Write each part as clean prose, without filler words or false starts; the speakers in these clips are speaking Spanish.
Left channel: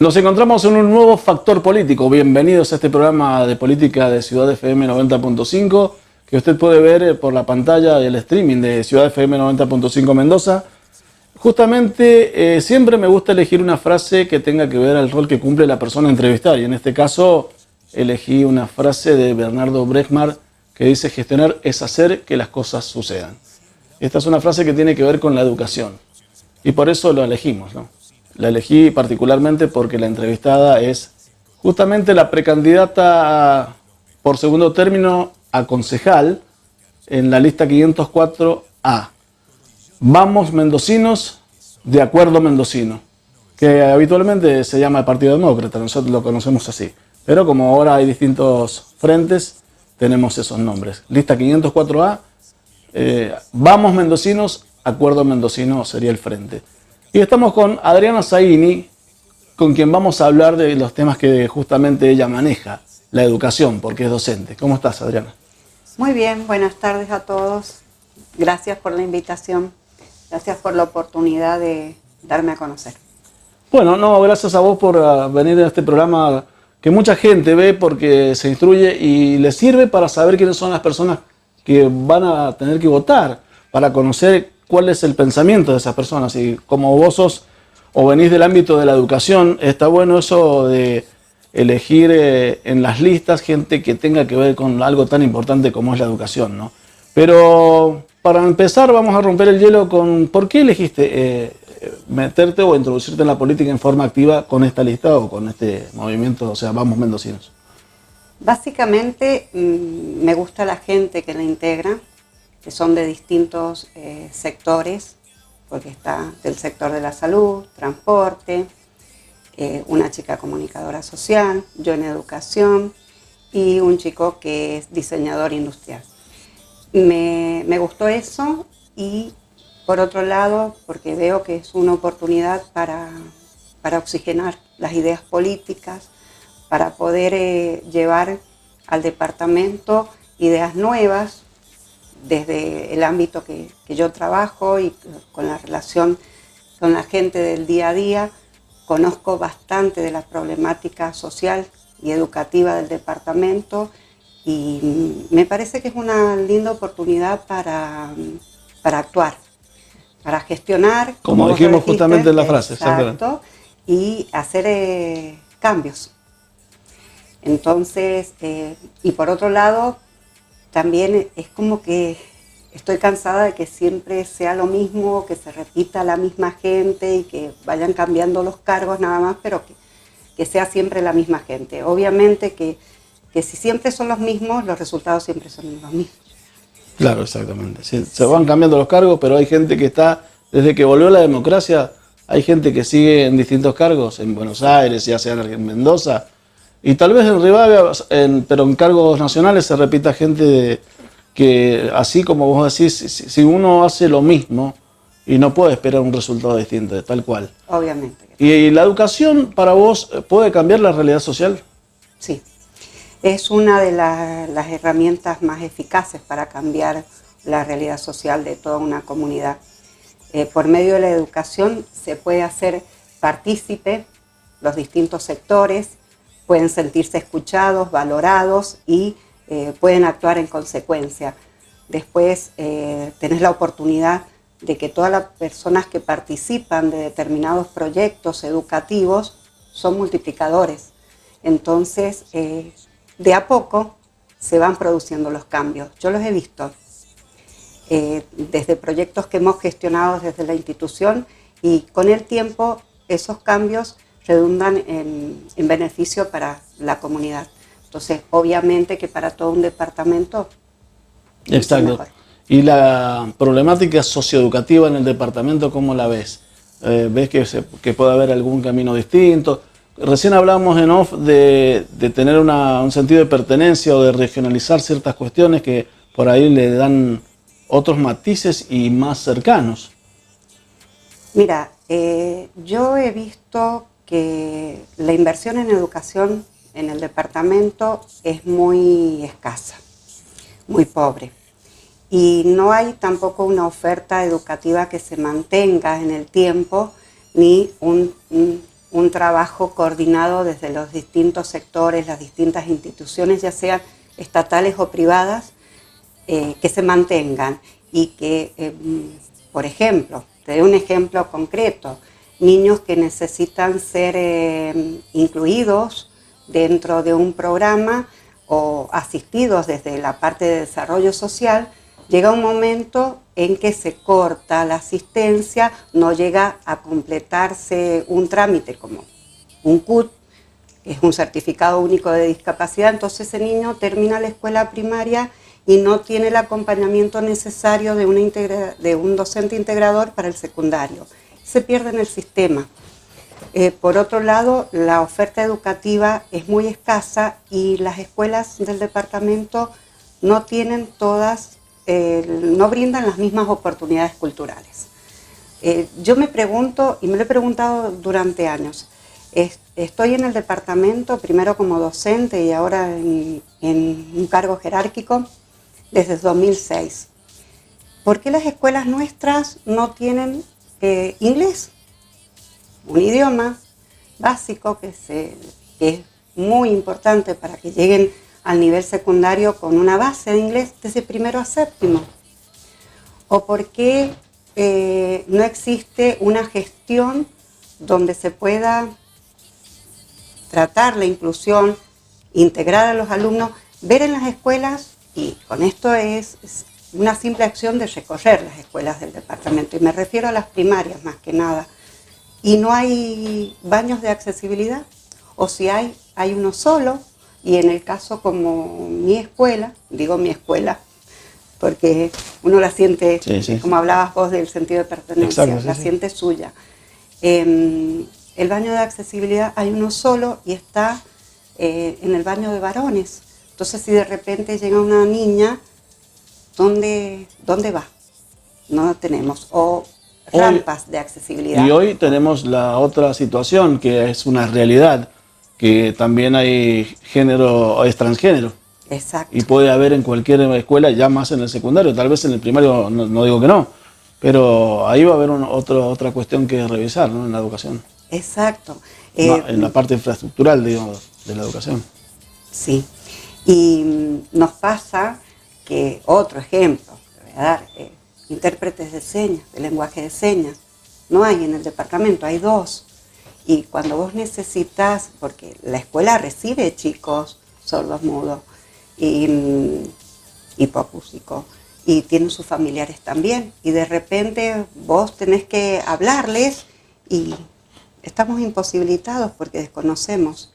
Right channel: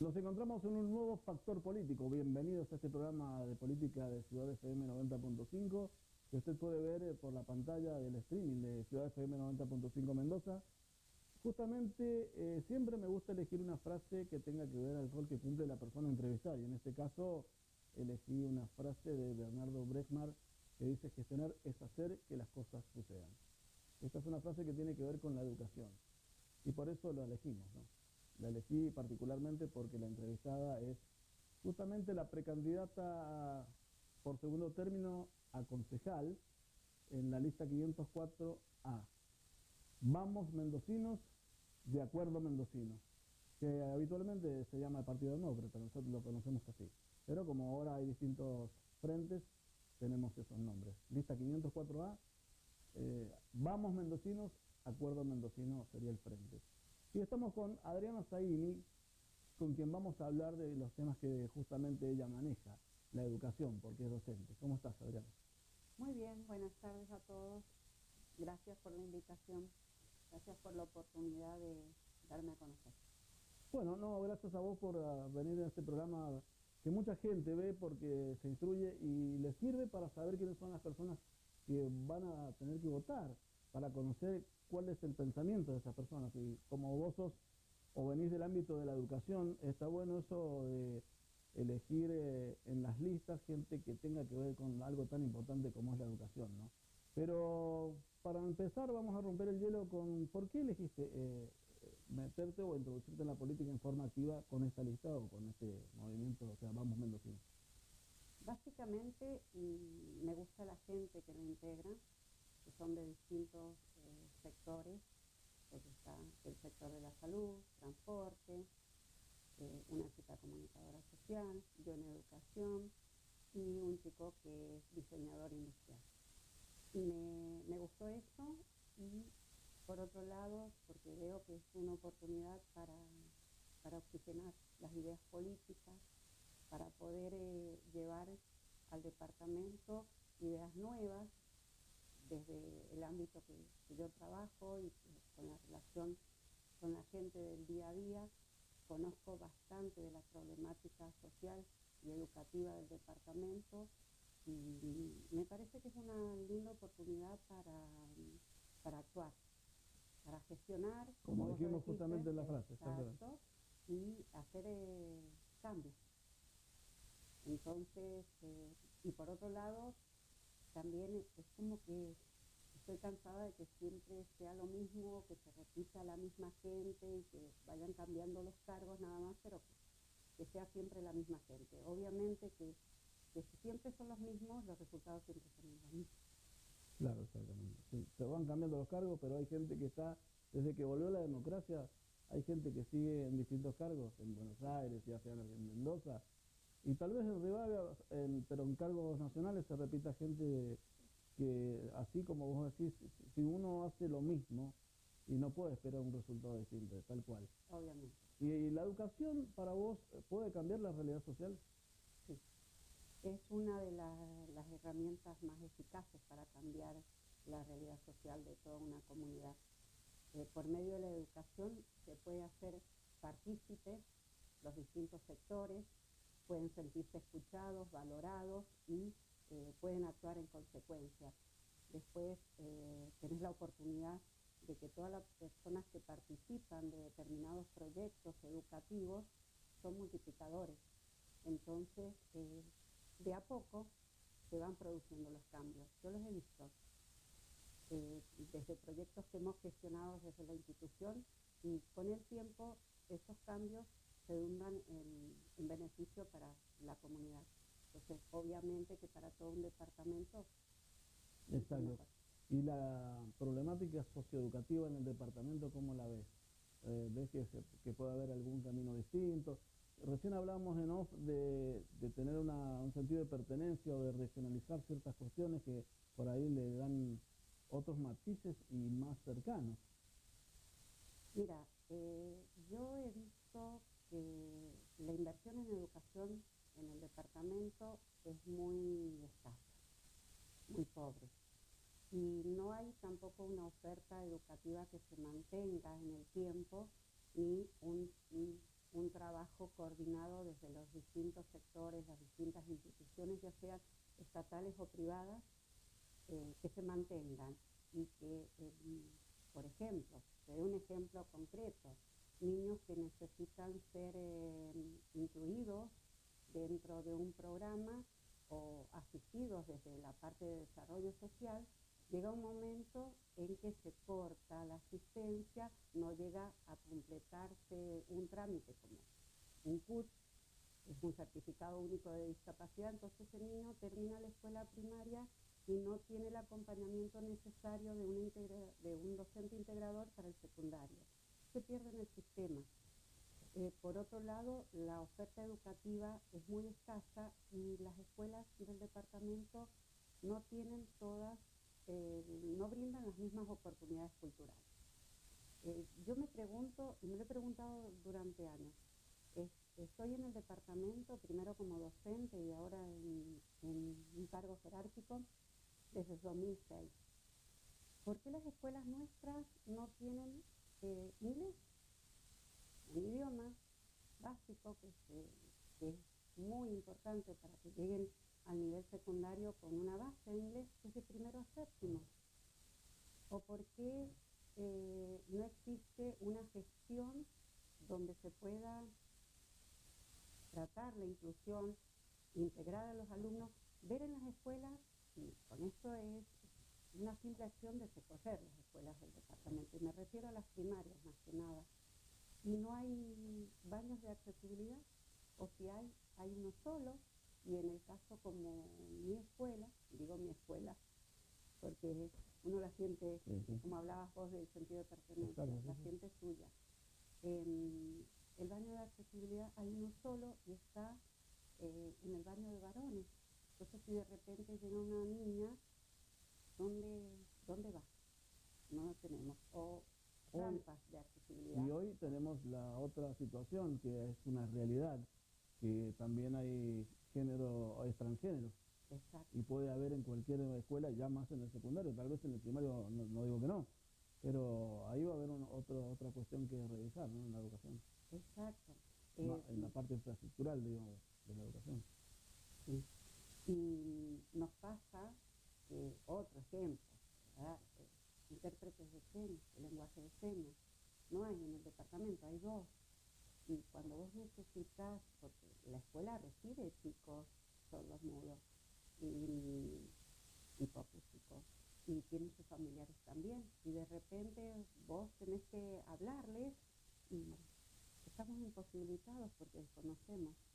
Nos encontramos en un nuevo factor político. Bienvenidos a este programa de política de Ciudad FM 90.5 que usted puede ver por la pantalla del streaming de Ciudad FM 90.5 Mendoza. Justamente siempre me gusta elegir una frase que tenga que ver al rol que cumple la persona entrevistada y en este caso elegí una frase de Bernardo Brechmar que dice: gestionar es hacer que las cosas sucedan. Esta es una frase que tiene que ver con la educación y por eso lo elegimos, ¿no? La elegí particularmente porque la entrevistada es justamente la precandidata por segundo término a concejal en la lista 504A. Vamos Mendocinos, de acuerdo mendocino, que habitualmente se llama el Partido Demócrata, nosotros lo conocemos así. Pero como ahora hay distintos frentes, tenemos esos nombres. Lista 504A, Vamos Mendocinos, acuerdo mendocino sería el frente. Y estamos con Adriana Zaini, con quien vamos a hablar de los temas que justamente ella maneja, la educación, porque es docente. ¿Cómo estás, Adriana? Muy bien, buenas tardes a todos. Gracias por la invitación. Gracias por la oportunidad de darme a conocer. Bueno, no, gracias a vos por venir a este programa que mucha gente ve porque se instruye y le sirve para saber quiénes son las personas que van a tener que votar, para conocer cuál es el pensamiento de esas personas. Y como vos sos o venís del ámbito de la educación, está bueno eso de elegir en las listas gente que tenga que ver con algo tan importante como es la educación, ¿no? Pero para empezar vamos a romper el hielo con ¿por qué elegiste meterte o introducirte en la política en forma activa con esta lista o con este movimiento, o sea, Vamos Mendocinos? Básicamente me gusta la gente que la integra, que son de distintos sectores, porque está del sector de la salud, transporte, una chica comunicadora social, yo en educación y un chico que es diseñador industrial. Me gustó eso y por otro lado, porque veo que es una oportunidad para oxigenar las ideas políticas, para poder llevar al departamento ideas nuevas desde el ámbito que yo trabajo y con la relación con la gente del día a día. Conozco bastante de la problemática social y educativa del departamento y me parece que es una linda oportunidad para actuar, para gestionar, Como dijimos justamente en la frase, exacto, y hacer cambios. Entonces, y por otro lado, también es como que estoy cansada de que siempre sea lo mismo, que se repita la misma gente y que vayan cambiando los cargos nada más, pero que sea siempre la misma gente. Obviamente que si siempre son los mismos, los resultados siempre son los mismos. Claro, exactamente. Sí, se van cambiando los cargos, pero hay gente que está, desde que volvió la democracia, hay gente que sigue en distintos cargos, en Buenos Aires, ya sea en Mendoza, y tal vez en Rivadavia, pero en cargos nacionales se repita gente que, así como vos decís, si uno hace lo mismo y no puede esperar un resultado distinto, tal cual. Obviamente. ¿Y la educación para vos puede cambiar la realidad social? Sí. Es una de las herramientas más eficaces para cambiar la realidad social de toda una comunidad. Por medio de la educación se puede hacer partícipe los distintos sectores, pueden sentirse escuchados, valorados y pueden actuar en consecuencia. Después tenés la oportunidad de que todas las personas que participan de determinados proyectos educativos son multiplicadores. Entonces, de a poco se van produciendo los cambios. Yo los he visto desde proyectos que hemos gestionado desde la institución y con el tiempo esos cambios redundan en beneficio para la comunidad. Entonces, obviamente que para todo un departamento es mejor. ¿Y la problemática socioeducativa en el departamento, cómo la ves? ¿Ves que puede haber algún camino distinto? Recién hablábamos en off de tener un sentido de pertenencia o de regionalizar ciertas cuestiones que por ahí le dan otros matices y más cercanos. Mira, yo he visto que la inversión en educación en el departamento es muy escasa, muy pobre. Y no hay tampoco una oferta educativa que se mantenga en el tiempo, ni un trabajo coordinado desde los distintos sectores, las distintas instituciones, ya sean estatales o privadas, que se mantengan y que, por ejemplo, te doy un ejemplo concreto, niños que necesitan ser incluidos dentro de un programa o asistidos desde la parte de desarrollo social, llega un momento en que se corta la asistencia, no llega a completarse un trámite como un CUT, que es un certificado único de discapacidad, entonces ese niño termina la escuela primaria y no tiene el acompañamiento necesario de un docente integrador para el secundario. Se pierde en el sistema. Por otro lado, la oferta educativa es muy escasa y las escuelas del departamento no tienen todas, no brindan las mismas oportunidades culturales. Yo me pregunto, y me lo he preguntado durante años, estoy en el departamento, primero como docente y ahora en un cargo jerárquico, desde 2006. ¿Por qué las escuelas nuestras no tienen inglés? Un idioma básico que es muy importante para que lleguen al nivel secundario con una base de inglés desde primero a séptimo. ¿O por qué no existe una gestión donde se pueda tratar la inclusión, integrar a los alumnos, ver en las escuelas, y con esto es una simple acción de recorrer las escuelas del departamento, y me refiero a las primarias más que nada, y no hay baños de accesibilidad, o si hay uno solo, y en el caso como mi escuela, digo mi escuela, porque uno la siente, sí. Como hablabas vos del sentido de pertenencia, exacto, la siente suya. El baño de accesibilidad hay uno solo y está en el baño de varones. Entonces, si de repente llega una niña, ¿dónde va? No lo tenemos. O rampas de accesibilidad. Y hoy tenemos la otra situación, que es una realidad, que también hay género o transgénero. Exacto. Y puede haber en cualquier escuela, ya más en el secundario, tal vez en el primario no digo que no, pero ahí va a haber otra cuestión que revisar, ¿no? En la educación. Exacto. En la parte infraestructural, digamos, de la educación. Sí. Y nos pasa que, otro ejemplo, te voy a dar, intérpretes de señas, de lenguaje de señas, no hay en el departamento, hay 2. Y cuando vos necesitas, porque la escuela recibe chicos sordos mudos y hipoacústicos, y tienen sus familiares también, y de repente vos tenés que hablarles y estamos imposibilitados porque desconocemos.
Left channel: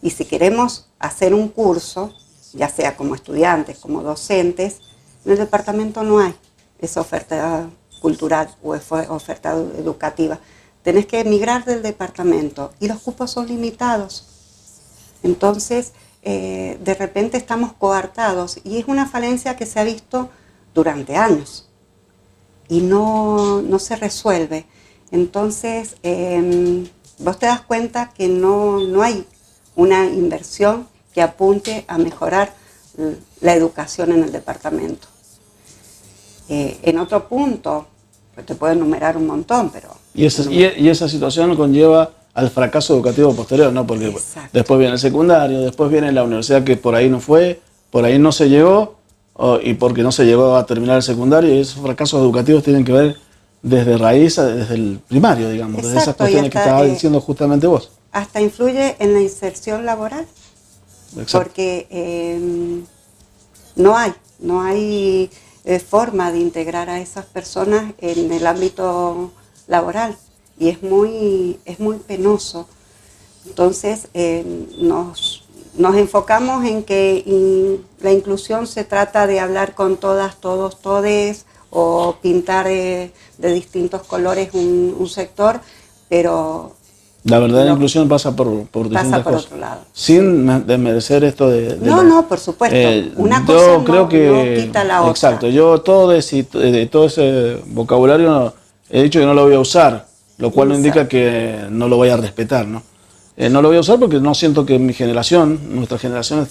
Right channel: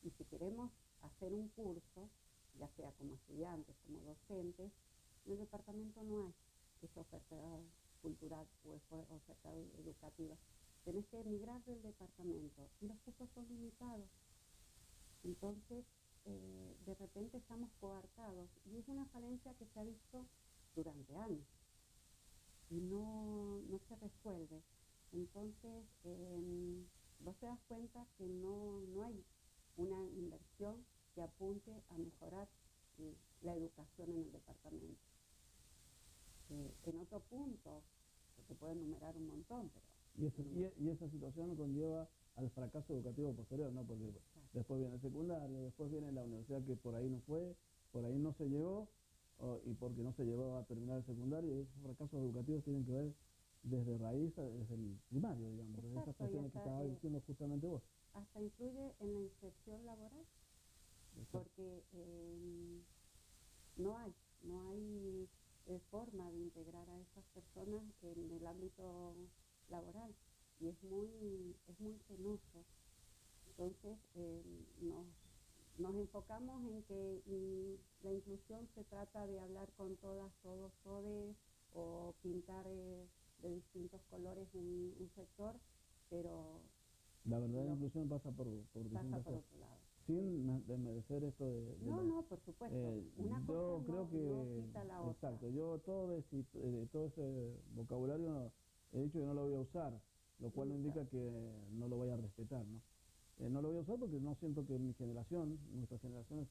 Y si queremos hacer un curso, ya sea como estudiantes, como docentes, en el departamento no hay esa oferta cultural o oferta educativa. Tenés que emigrar del departamento y los cupos son limitados. Entonces, de repente estamos coartados y es una falencia que se ha visto durante años y no se resuelve. Entonces, vos te das cuenta que no hay una inversión que apunte a mejorar la educación en el departamento. En otro punto, pues te puedo enumerar un montón, pero... Y esa situación conlleva al fracaso educativo posterior, ¿no? Porque exacto. Después viene el secundario, después viene la universidad que por ahí no fue, por ahí no se llegó, y porque no se llegó a terminar el secundario, y esos fracasos educativos tienen que ver desde raíz, desde el primario, digamos, exacto, desde esas cuestiones que estabas diciendo justamente vos. Hasta influye en la inserción laboral, exacto. Porque no hay forma de integrar a esas personas en el ámbito laboral y es muy penoso. Entonces nos enfocamos en que la inclusión se trata de hablar con todas, todos, todes o pintar de distintos colores un sector, pero... La verdadera inclusión pasa por distintas cosas. Otro lado. Sin desmerecer esto de No, por supuesto. Una cosa no quita la otra. Exacto. Yo todo ese vocabulario he dicho que no lo voy a usar, lo cual no indica que no lo voy a respetar, ¿no? No lo voy a usar porque no siento que mi generación, nuestra generación,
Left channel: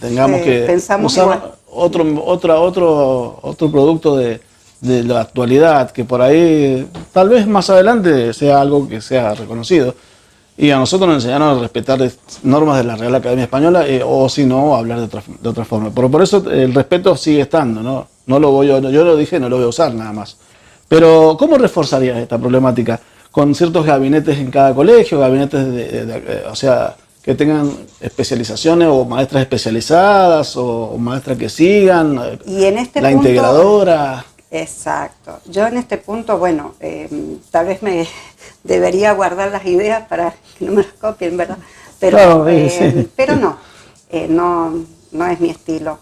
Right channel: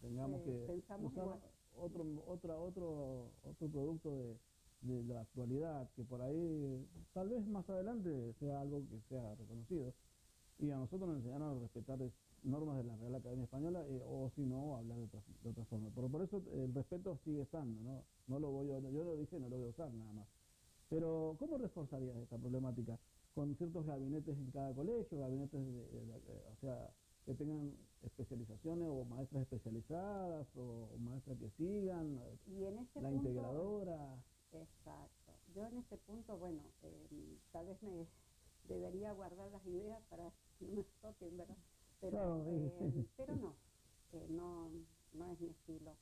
tengamos que usar otro producto de la actualidad, que por ahí tal vez más adelante sea algo que sea reconocido. Y a nosotros nos enseñaron a respetar normas de la Real Academia Española o si no, hablar de otra forma. Pero por eso el respeto sigue estando, ¿no? No lo voy a, yo lo dije, no lo voy a usar nada más. Pero ¿cómo reforzarías esta problemática? Con ciertos gabinetes en cada colegio, gabinetes o sea, que tengan especializaciones o maestras especializadas o maestras que sigan, Y en este la punto, integradora. exacto. Yo en este punto, bueno, tal vez me debería guardar las ideas para que no me las copien, ¿verdad? Pero, Claro, sí. pero no, no es mi estilo.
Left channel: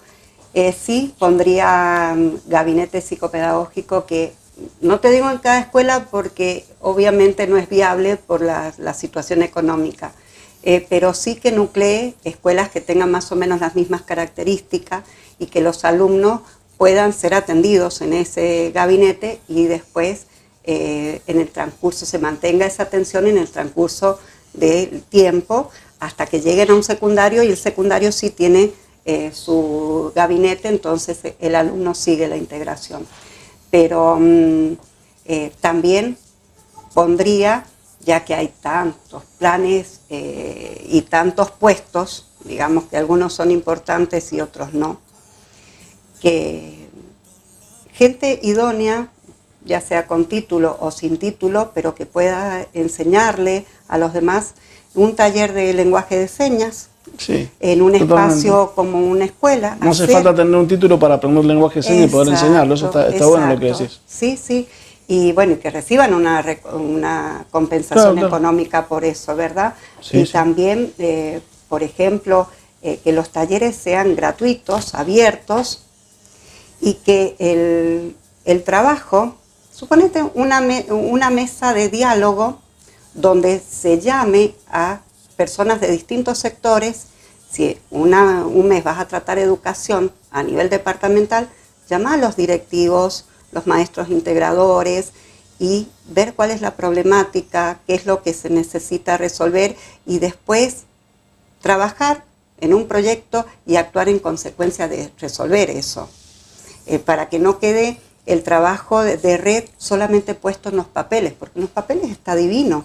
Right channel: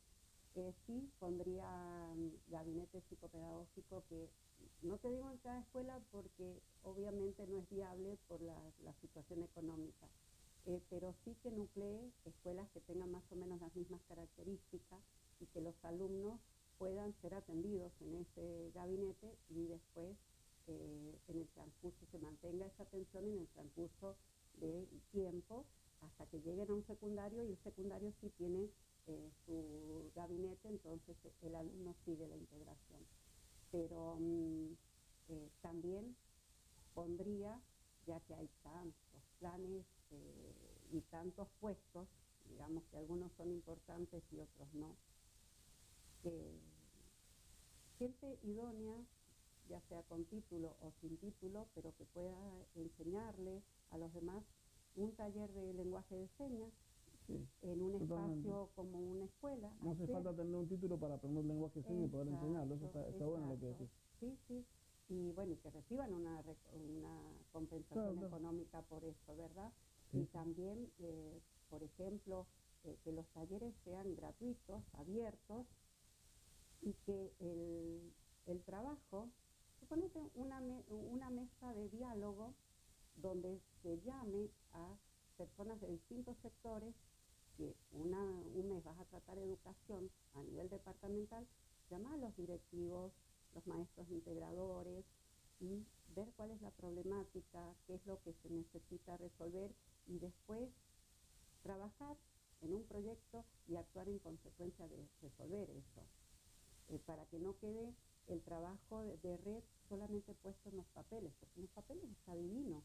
Sí pondría gabinete psicopedagógico que, no te digo en cada escuela porque obviamente no es viable por la situación económica, pero sí que nuclee escuelas que tengan más o menos las mismas características y que los alumnos puedan ser atendidos en ese gabinete y después en el transcurso se mantenga esa atención en el transcurso del tiempo hasta que lleguen a un secundario, y el secundario sí tiene su gabinete, entonces el alumno sigue la integración. Pero también pondría, ya que hay tantos planes y tantos puestos, digamos que algunos son importantes y otros no, que gente idónea, ya sea con título o sin título, pero que pueda enseñarle a los demás un taller de lenguaje de señas, Sí, en un totalmente. espacio como una escuela. No hace falta tener un título para aprender lenguaje de señas y poder enseñarlo. Eso está bueno lo que decís. Sí, sí. Y bueno, que reciban una compensación económica por eso, ¿verdad? Sí, y sí. también, por ejemplo, que los talleres sean gratuitos, abiertos, y que el trabajo, suponete una mesa de diálogo donde se llame a personas de distintos sectores. Si un mes vas a tratar educación a nivel departamental, llama a los directivos, los maestros integradores y ver cuál es la problemática, qué es lo que se necesita resolver y después trabajar en un proyecto y actuar en consecuencia de resolver eso. Para que no quede el trabajo de red solamente puesto en los papeles, porque en los papeles está divino,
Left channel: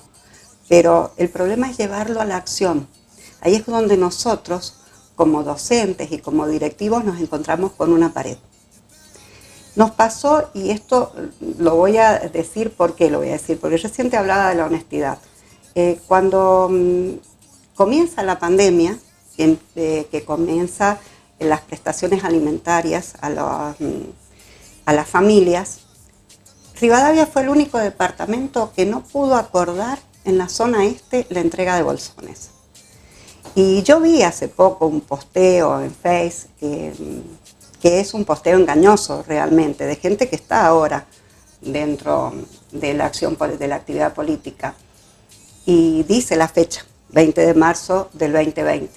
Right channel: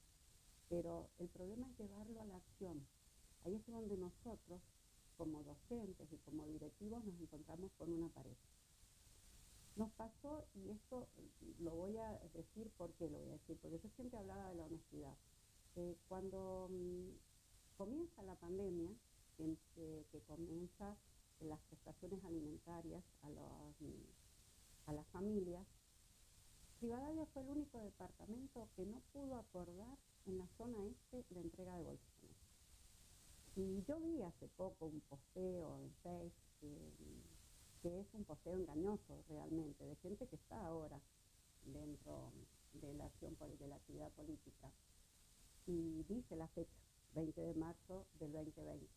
pero el problema es llevarlo a la acción. Ahí es donde nosotros, como docentes y como directivos, nos encontramos con una pared. Nos pasó, y esto lo voy a decir, ¿por qué lo voy a decir? Porque recién te hablaba de la honestidad. Cuando comienza la pandemia, que comienza las prestaciones alimentarias a las familias, Rivadavia fue el único departamento que no pudo acordar en la zona este la entrega de bolsones. Y yo vi hace poco un posteo en Face que es un posteo engañoso realmente, de gente que está ahora dentro de la acción, de la actividad política. Y dice la fecha, 20 de marzo del 2020.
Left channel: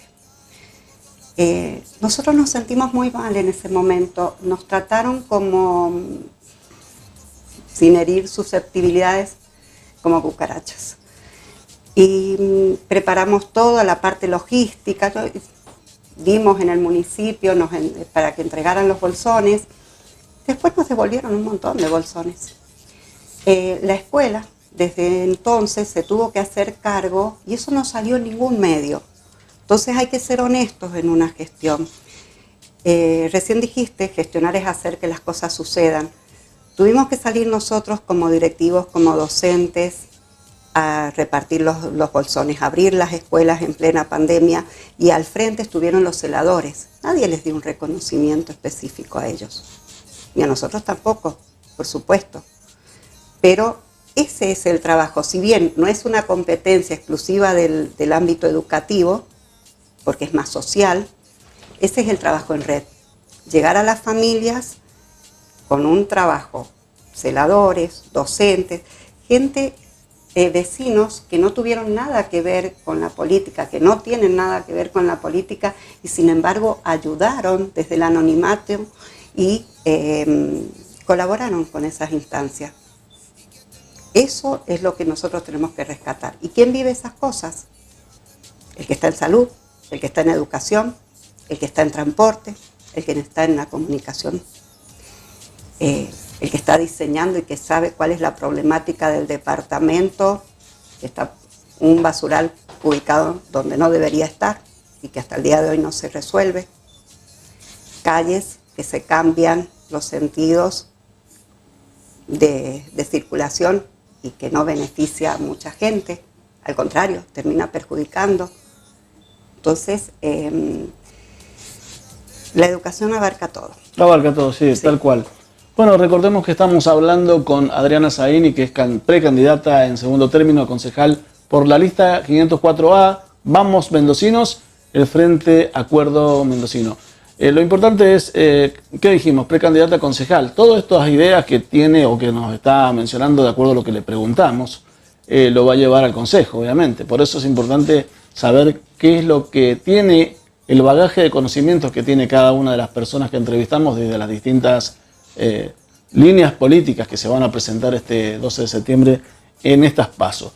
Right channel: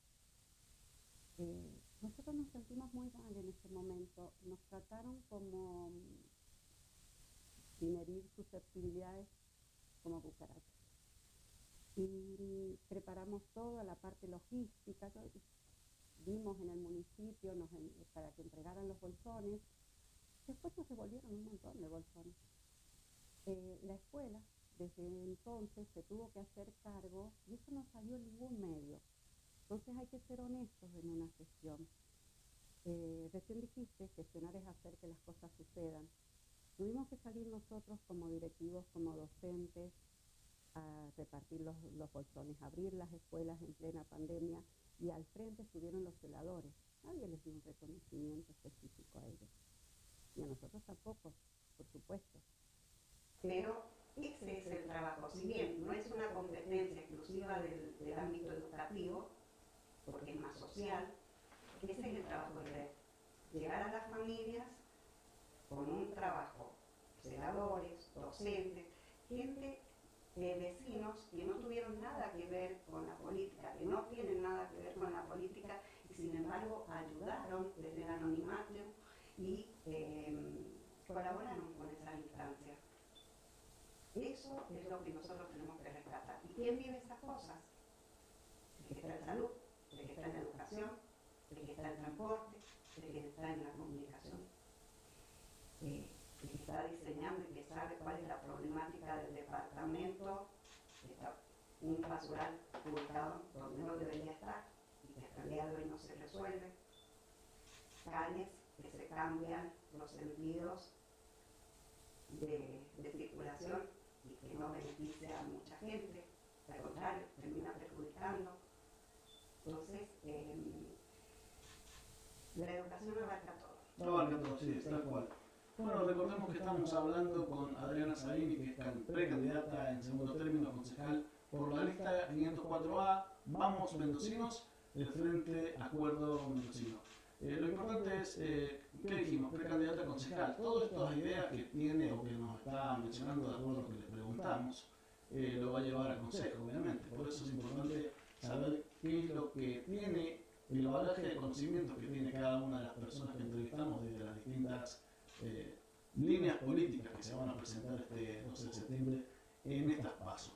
Nosotros nos sentimos muy mal en ese momento, nos trataron como, sin herir susceptibilidades, como cucarachas. Y preparamos toda la parte logística, dimos en el municipio para que entregaran los bolsones. Después nos devolvieron un montón de bolsones. La escuela desde entonces se tuvo que hacer cargo y eso no salió en ningún medio. Entonces hay que ser honestos en una gestión. Recién dijiste, gestionar es hacer que las cosas sucedan. Tuvimos que salir nosotros como directivos, como docentes, a repartir los bolsones, abrir las escuelas en plena pandemia, y al frente estuvieron los celadores. Nadie les dio un reconocimiento específico a ellos, ni a nosotros tampoco, por supuesto. Pero ese es el trabajo, si bien no es una competencia exclusiva del ámbito educativo, porque es más social, ese es el trabajo en red. Llegar a las familias con un trabajo, celadores, docentes, gente, vecinos que no tuvieron nada que ver con la política, que no tienen nada que ver con la política y sin embargo ayudaron desde el anonimato y colaboraron con esas instancias. Eso es lo que nosotros tenemos que rescatar. ¿Y quién vive esas cosas? El que está en salud, el que está en educación, el que está en transporte, el que está en la comunicación, el que está diseñando y que sabe cuál es la problemática del departamento, que está un basural ubicado donde no debería estar y que hasta el día de hoy no se resuelve, calles que se cambian los sentidos de circulación y que no beneficia a mucha gente, al contrario, termina perjudicando. Entonces, la educación abarca todo. Abarca todo, sí, tal cual. Bueno, recordemos que estamos hablando con Adriana Zaini, que es precandidata en segundo término a concejal por la lista 504A, Vamos Mendocinos, el Frente Acuerdo Mendocino. Lo importante es, ¿qué dijimos? Precandidata a concejal. Todas estas ideas que tiene o que nos está mencionando de acuerdo a lo que le preguntamos, lo va a llevar al consejo, obviamente. Por eso es importante saber qué es lo que tiene, el bagaje de conocimientos que tiene cada una de las personas que entrevistamos desde las distintas líneas políticas que se van a presentar este 12 de septiembre en estas PASO.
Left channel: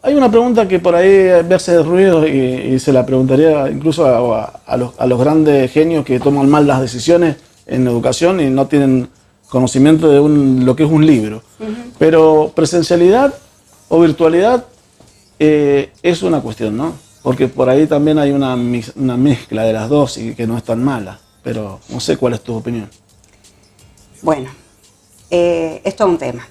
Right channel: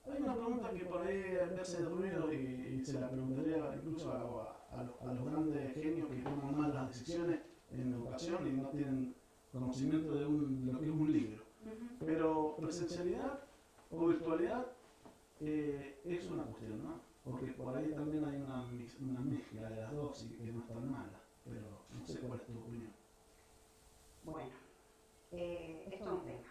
Hay una pregunta que por ahí me hace ruido y se la preguntaría incluso a los grandes genios que toman mal las decisiones en educación y no tienen conocimiento de lo que es un libro. Pero presencialidad o virtualidad es una cuestión, ¿no? Porque por ahí también hay una mezcla de las dos y que no es tan mala. Pero no sé cuál es tu opinión. Bueno, esto es un tema.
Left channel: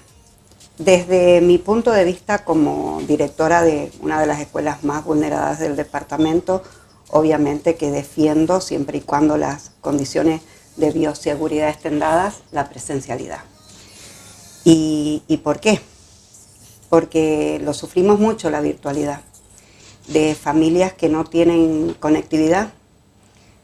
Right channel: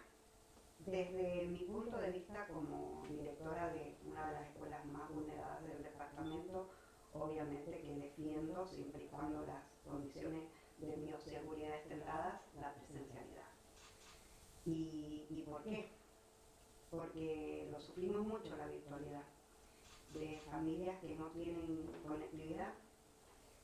Desde mi punto de vista como directora de una de las escuelas más vulneradas del departamento, obviamente que defiendo, siempre y cuando las condiciones de bioseguridad estén dadas, la presencialidad. ¿Y por qué? Porque lo sufrimos mucho la virtualidad, de familias que no tienen conectividad,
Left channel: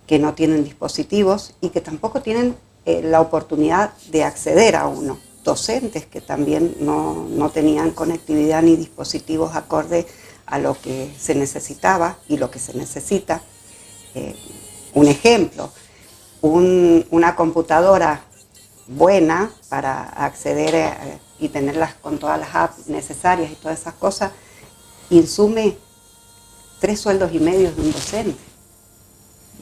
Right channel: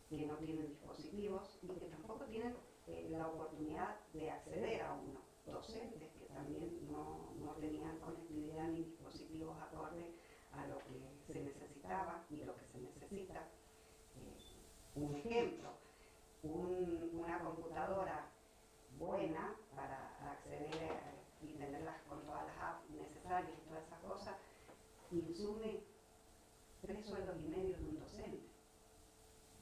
que no tienen dispositivos y que tampoco tienen la oportunidad de acceder a uno. Docentes que también no tenían conectividad ni dispositivos acorde a lo que se necesitaba y lo que se necesita. Un ejemplo, una computadora buena para acceder y tenerlas con todas las apps necesarias y todas esas cosas, insume 3,5 sueldos de un docente.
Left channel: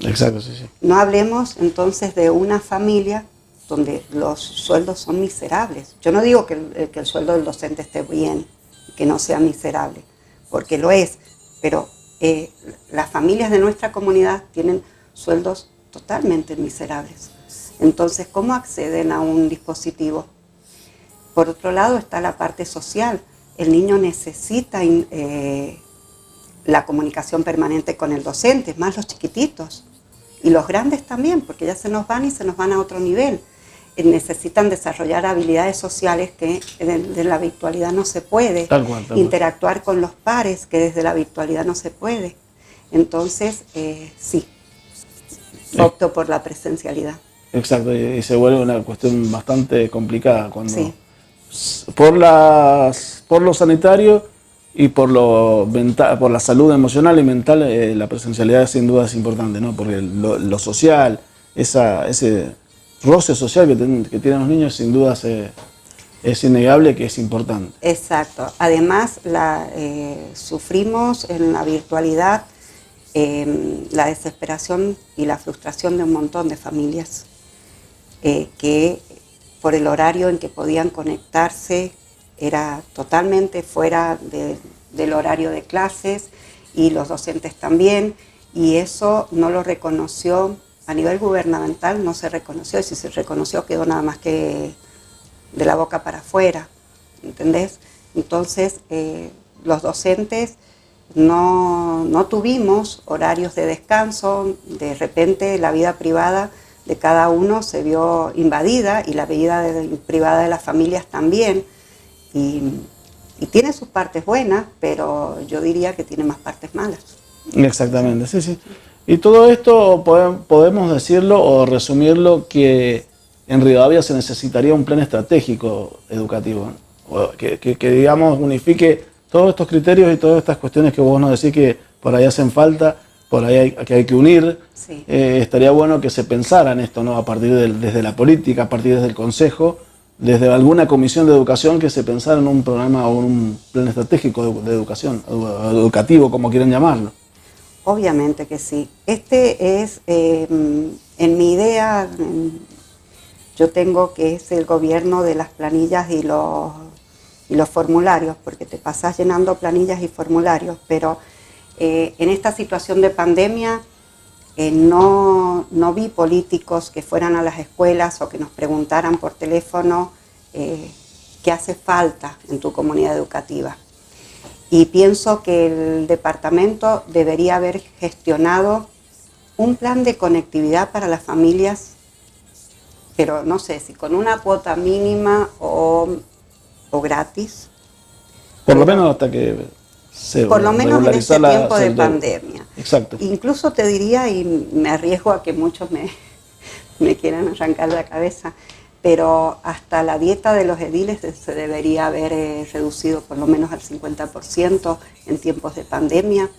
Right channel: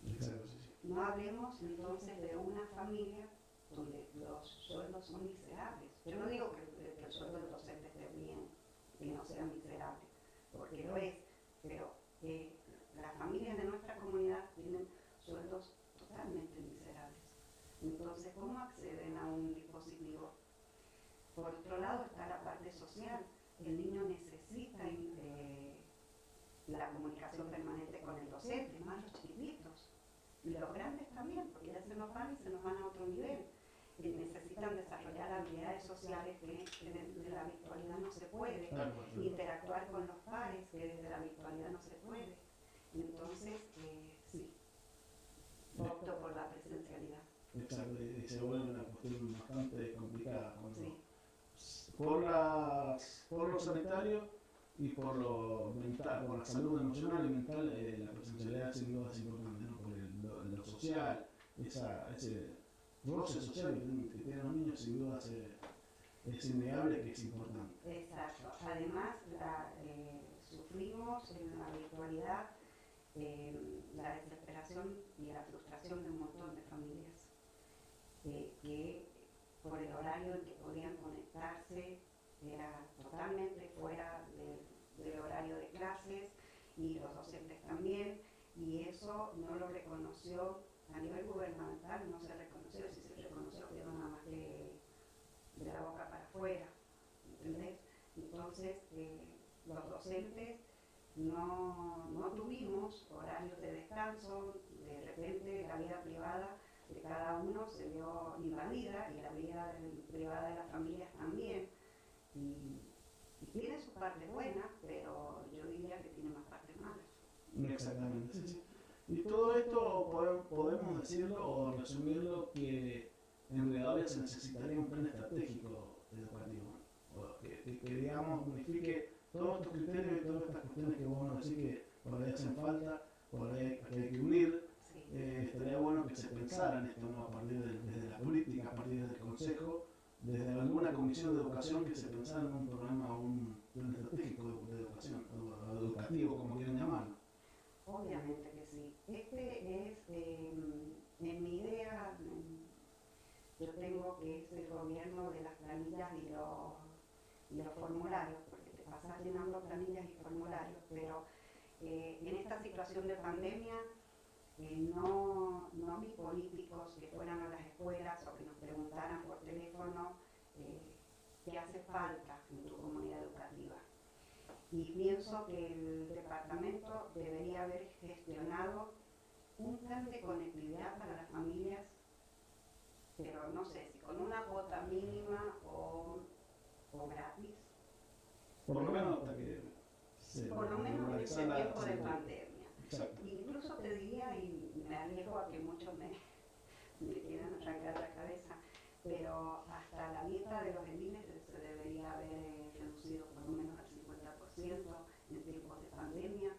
Exacto, sí, sí. No hablemos entonces de una familia donde los sueldos son miserables. Yo no digo que el sueldo del docente esté bien, que no sea miserable, porque lo es, pero las familias de nuestra comunidad tienen sueldos totalmente miserables. Entonces, ¿cómo acceden a un dispositivo? Por otro lado está la parte social. El niño necesita la comunicación permanente con el docente, más los chiquititos. Y los grandes también, porque ya se nos van a otro nivel. Necesitan desarrollar habilidades sociales que desde la virtualidad no se puede. Tal cual. Interactuar con los pares, que desde la virtualidad no se puede. Entonces, sí, opto por la presencialidad. Exacto, y se vuelve una cuestión bastante complicada cuando Sí. por lo sanitario y por la salud emocional y mental, la presencialidad sin duda es importante, ¿no? Porque lo social, ese roce social que tienen los niños, sin duda es innegable que es importante. Exacto. Además, sufrimos en la virtualidad la desesperación y la frustración de un montón de familias que por el horario en que podían conectarse era totalmente fuera del horario de clases y los docentes también, y eso no lo reconoció a nivel gubernamental, no se reconoció, y si se reconoció quedó nada más que de la boca para afuera, ¿entendés? Entonces los docentes no tuvimos horarios de descanso, de repente la vida privada de cada uno se vio invadida y la vida privada de las familias también. Y tiene sus partes buenas, pero yo diría que tiene más partes malas. Exactamente, sí, sí. Y todo esto podemos decirlo o resumirlo que en Rivadavia se necesitaría un plan estratégico educativo, ¿no? que digamos unifique todos estos criterios y todas estas cuestiones que vos nos decís que por ahí hacen falta, por ahí hay que unir. Sí. Estaría bueno que se pensara en esto, ¿no? A partir desde la política, a partir desde el Consejo, desde alguna comisión de educación, que se pensara en un programa o un plan estratégico de educación, educativo, como quieran llamarlo. Obviamente que sí. Este es, en mi idea, yo tengo que es el gobierno de las planillas y y los formularios, porque te pasás llenando planillas y formularios, pero en esta situación de pandemia no vi políticos que fueran a las escuelas o que nos preguntaran por teléfono qué hace falta en tu comunidad educativa. Y pienso que el departamento debería haber gestionado un plan de conectividad para las familias, pero no sé si con una cuota mínima o gratis. Por lo menos hasta que se por lo menos en este tiempo de deuda. pandemia. Exacto. Incluso te diría, y me arriesgo a que muchos me quieran arrancar la cabeza, pero hasta la dieta de los ediles se debería haber reducido por lo menos al 50% en tiempos de pandemia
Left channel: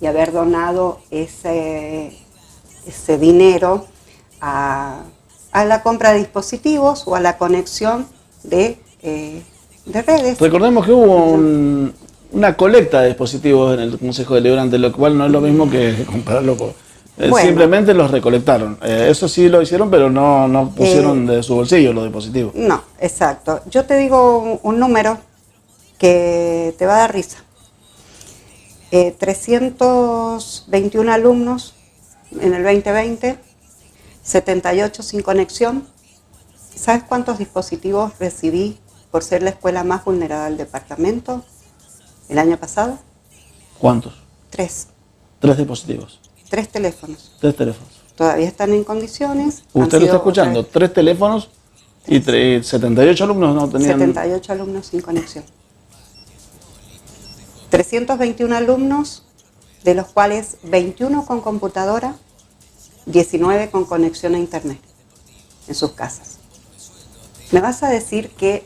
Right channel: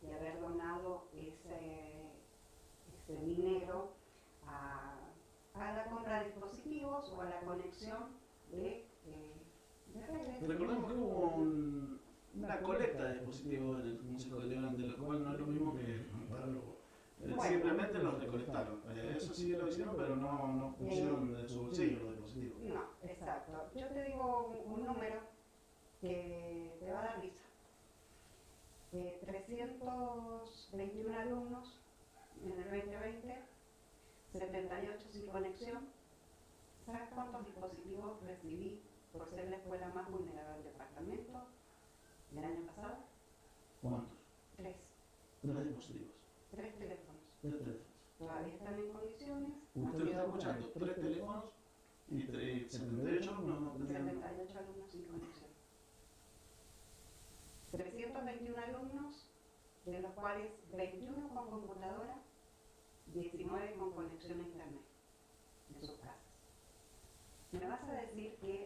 y haber donado ese dinero a la compra de dispositivos o a la conexión de redes. Recordemos que hubo una colecta de dispositivos en el Consejo Deliberante, lo cual no es lo mismo que comprarlo por... Bueno, simplemente los recolectaron. Eso sí lo hicieron, pero no pusieron de su bolsillo los dispositivos. No, exacto. Yo te digo un número que te va a dar risa. 321 alumnos en el 2020, 78 sin conexión. ¿Sabes cuántos dispositivos recibí por ser la escuela más vulnerada del departamento el año pasado? ¿Cuántos? 3. 3 dispositivos. 3 teléfonos. 3 teléfonos. Todavía están en condiciones. Usted lo está escuchando, 3 teléfonos y 78 alumnos no tenían... 78 alumnos sin conexión. 321 alumnos, de los cuales 21 con computadora, 19 con conexión a internet en sus casas. ¿Me vas a decir que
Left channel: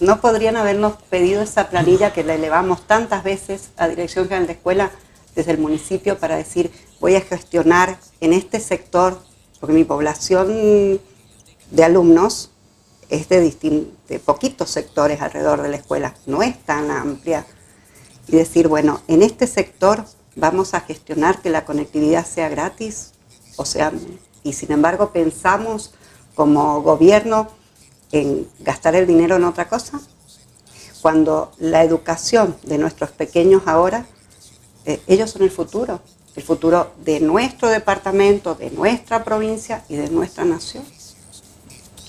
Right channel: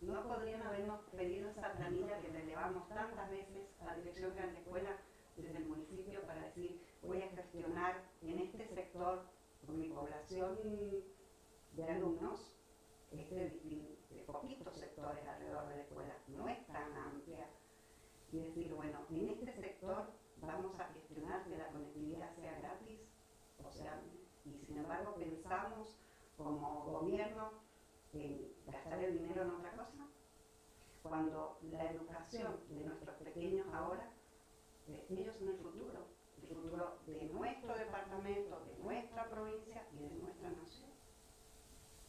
no podrían habernos pedido esa planilla que la elevamos tantas veces a Dirección General de Escuela desde el municipio para decir, voy a gestionar en este sector, porque mi población de alumnos es de poquitos sectores alrededor de la escuela, no es tan amplia, y decir, bueno, en este sector vamos a gestionar que la conectividad sea gratis, o sea, y sin embargo pensamos como gobierno en gastar el dinero en otra cosa, cuando la educación de nuestros pequeños ahora, ellos son el futuro de nuestro departamento, de nuestra provincia y de nuestra nación.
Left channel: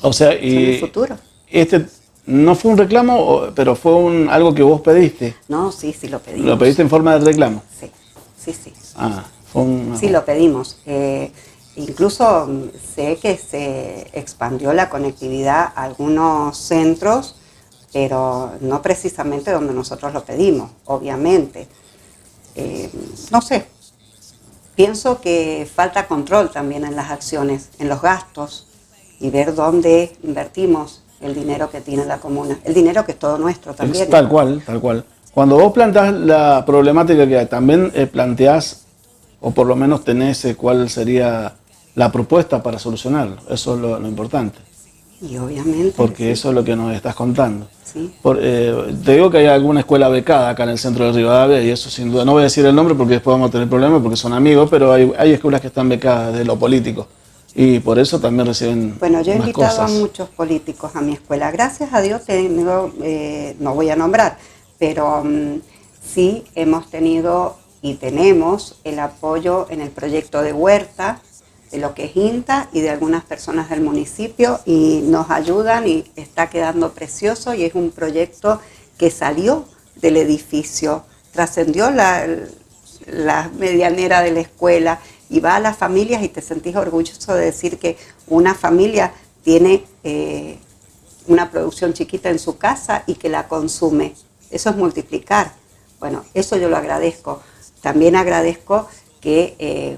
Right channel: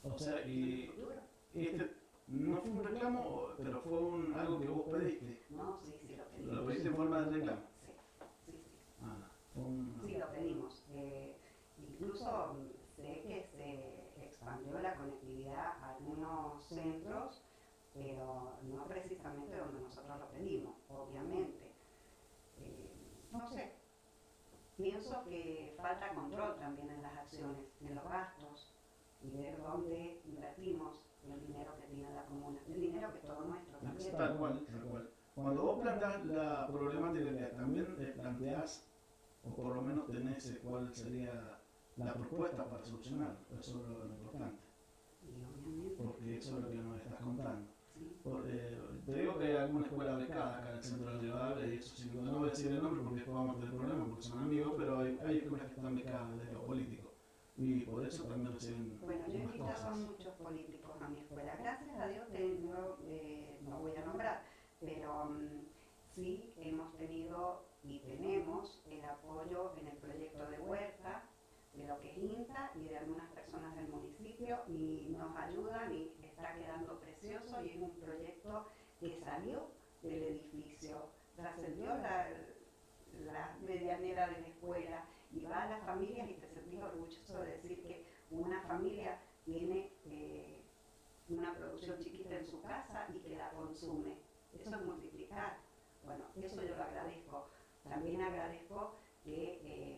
O sea, y son el futuro. Este no fue un reclamo, pero fue algo que vos pediste. No, sí lo pedimos. ¿Lo pediste en forma de reclamo? Sí. Ah, sí, lo pedimos. Incluso sé que se expandió la conectividad a algunos centros, pero no precisamente donde nosotros lo pedimos, obviamente. No sé, pienso que falta control también en las acciones, en los gastos, y ver dónde invertimos el dinero que tiene la comuna, el dinero que es todo nuestro también. Tal cual. Cuando vos planteás la problemática que hay, también planteás, o por lo menos tenés cuál sería la propuesta para solucionarlo. Eso es lo importante. Y obviamente. Porque sí, eso es lo que nos estás contando. Sí. Te digo que hay alguna escuela becada acá en el centro de Rivadavia, y eso sin duda, no voy a decir el nombre porque después vamos a tener problemas porque son amigos, pero hay escuelas que están becadas de lo político. Y por eso también reciben. Bueno, yo he invitado cosas. a muchos políticos a mi escuela. Gracias a Dios tengo, no voy a nombrar, pero sí hemos tenido y tenemos el apoyo en el proyecto de huerta, de lo que es INTA y de algunas personas del municipio, y nos ayudan y está quedando precioso, y es un proyecto que salió del edificio, trascendió la medianera de la escuela y va a las familias, y te sentís orgulloso de decir que una familia tiene una producción chiquita en su casa y que la consume. Eso es multiplicar. Bueno, eso yo lo agradezco. También agradezco que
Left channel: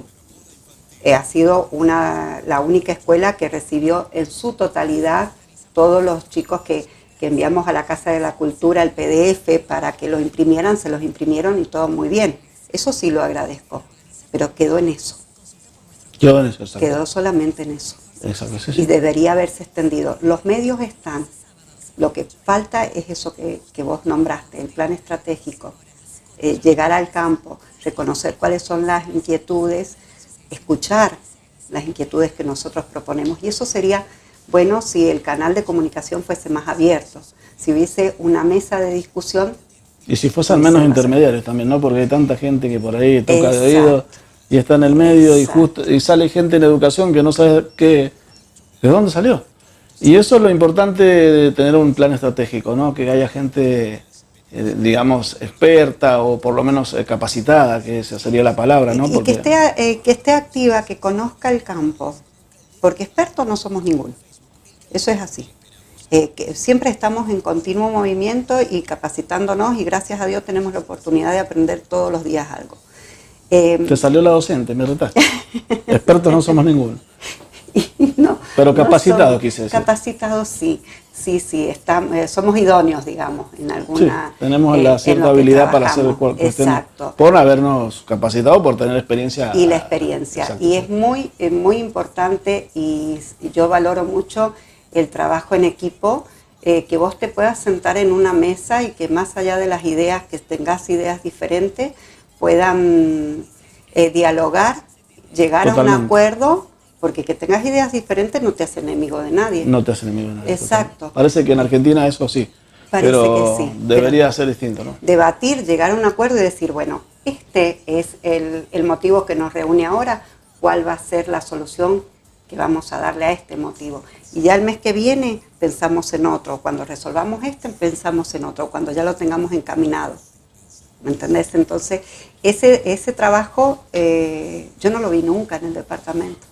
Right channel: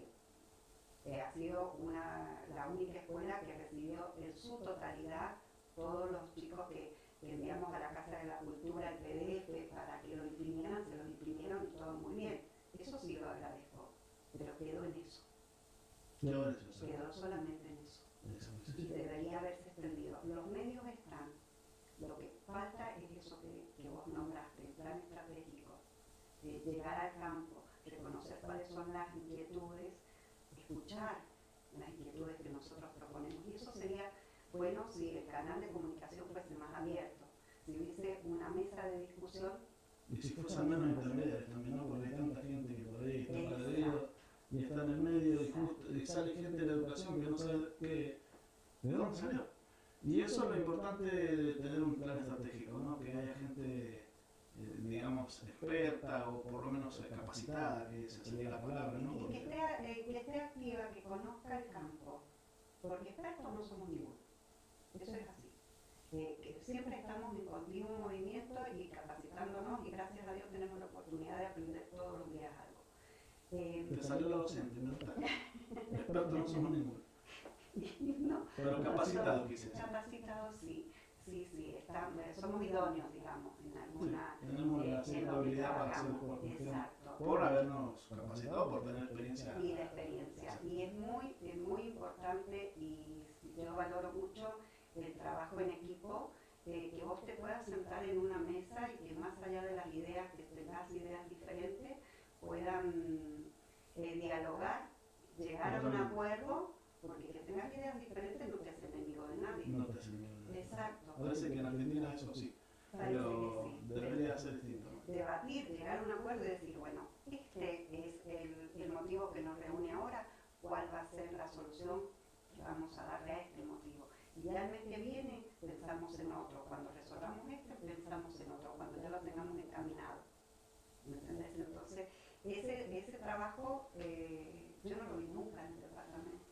ha sido la única escuela que recibió en su totalidad todos los chicos que enviamos a la Casa de la Cultura el PDF para que lo imprimieran, se los imprimieron y todo muy bien. Eso sí lo agradezco, pero quedó en eso. Quedó en eso, exacto. Quedó solamente en eso. Exacto, sí. Y debería haberse extendido. Los medios están. Lo que falta es eso que vos nombraste, el plan estratégico. Llegar al campo, reconocer cuáles son las inquietudes, escuchar las inquietudes que nosotros proponemos. Y eso sería bueno si el canal de comunicación fuese más abierto. si hubiese una mesa de discusión. Y si fuesen menos intermediarios también, ¿no? Porque hay tanta gente que por ahí toca de oído y está en el medio y sale gente en educación que no sabe de dónde salió. Y eso es lo importante de tener un plan estratégico, ¿no? Que haya gente, digamos, experta o por lo menos capacitada, que esa sería la palabra, ¿no? Y que esté activa, que conozca el campo, porque expertos no somos ninguno. Eso es así. Que siempre estamos en continuo movimiento y capacitándonos, y gracias a Dios tenemos la oportunidad de aprender todos los días algo. Te salió la docente, me retaste. Expertos no somos ninguno. No, pero capacitados, quise decir. Capacitados sí, somos idóneos, digamos, en alguna... Sí, tenemos la cierta habilidad para hacer cuestiones. Por habernos capacitado, por tener experiencia. Y la experiencia. Exacto. Y es muy importante, y yo valoro mucho el trabajo en equipo, que vos te puedas sentar en una mesa y que más allá de las ideas, que tengas ideas diferentes, puedan dialogar, llegar a un acuerdo, porque que tengas ideas diferentes no te hace enemigo de nadie. No te hace enemigo de nadie. Exacto. Totalmente. Parece que en Argentina eso sí, pero que sí, debería ser distinto, ¿no? Debatir, llegar a un acuerdo y decir, bueno, este es el motivo que nos reúne ahora, ¿cuál va a ser la solución que vamos a darle a este motivo? Y ya el mes que viene pensamos en otro, cuando resolvamos pensamos en otro, cuando ya lo tengamos encaminado. ¿Me entendés? Entonces, ese trabajo yo no lo vi nunca en el departamento.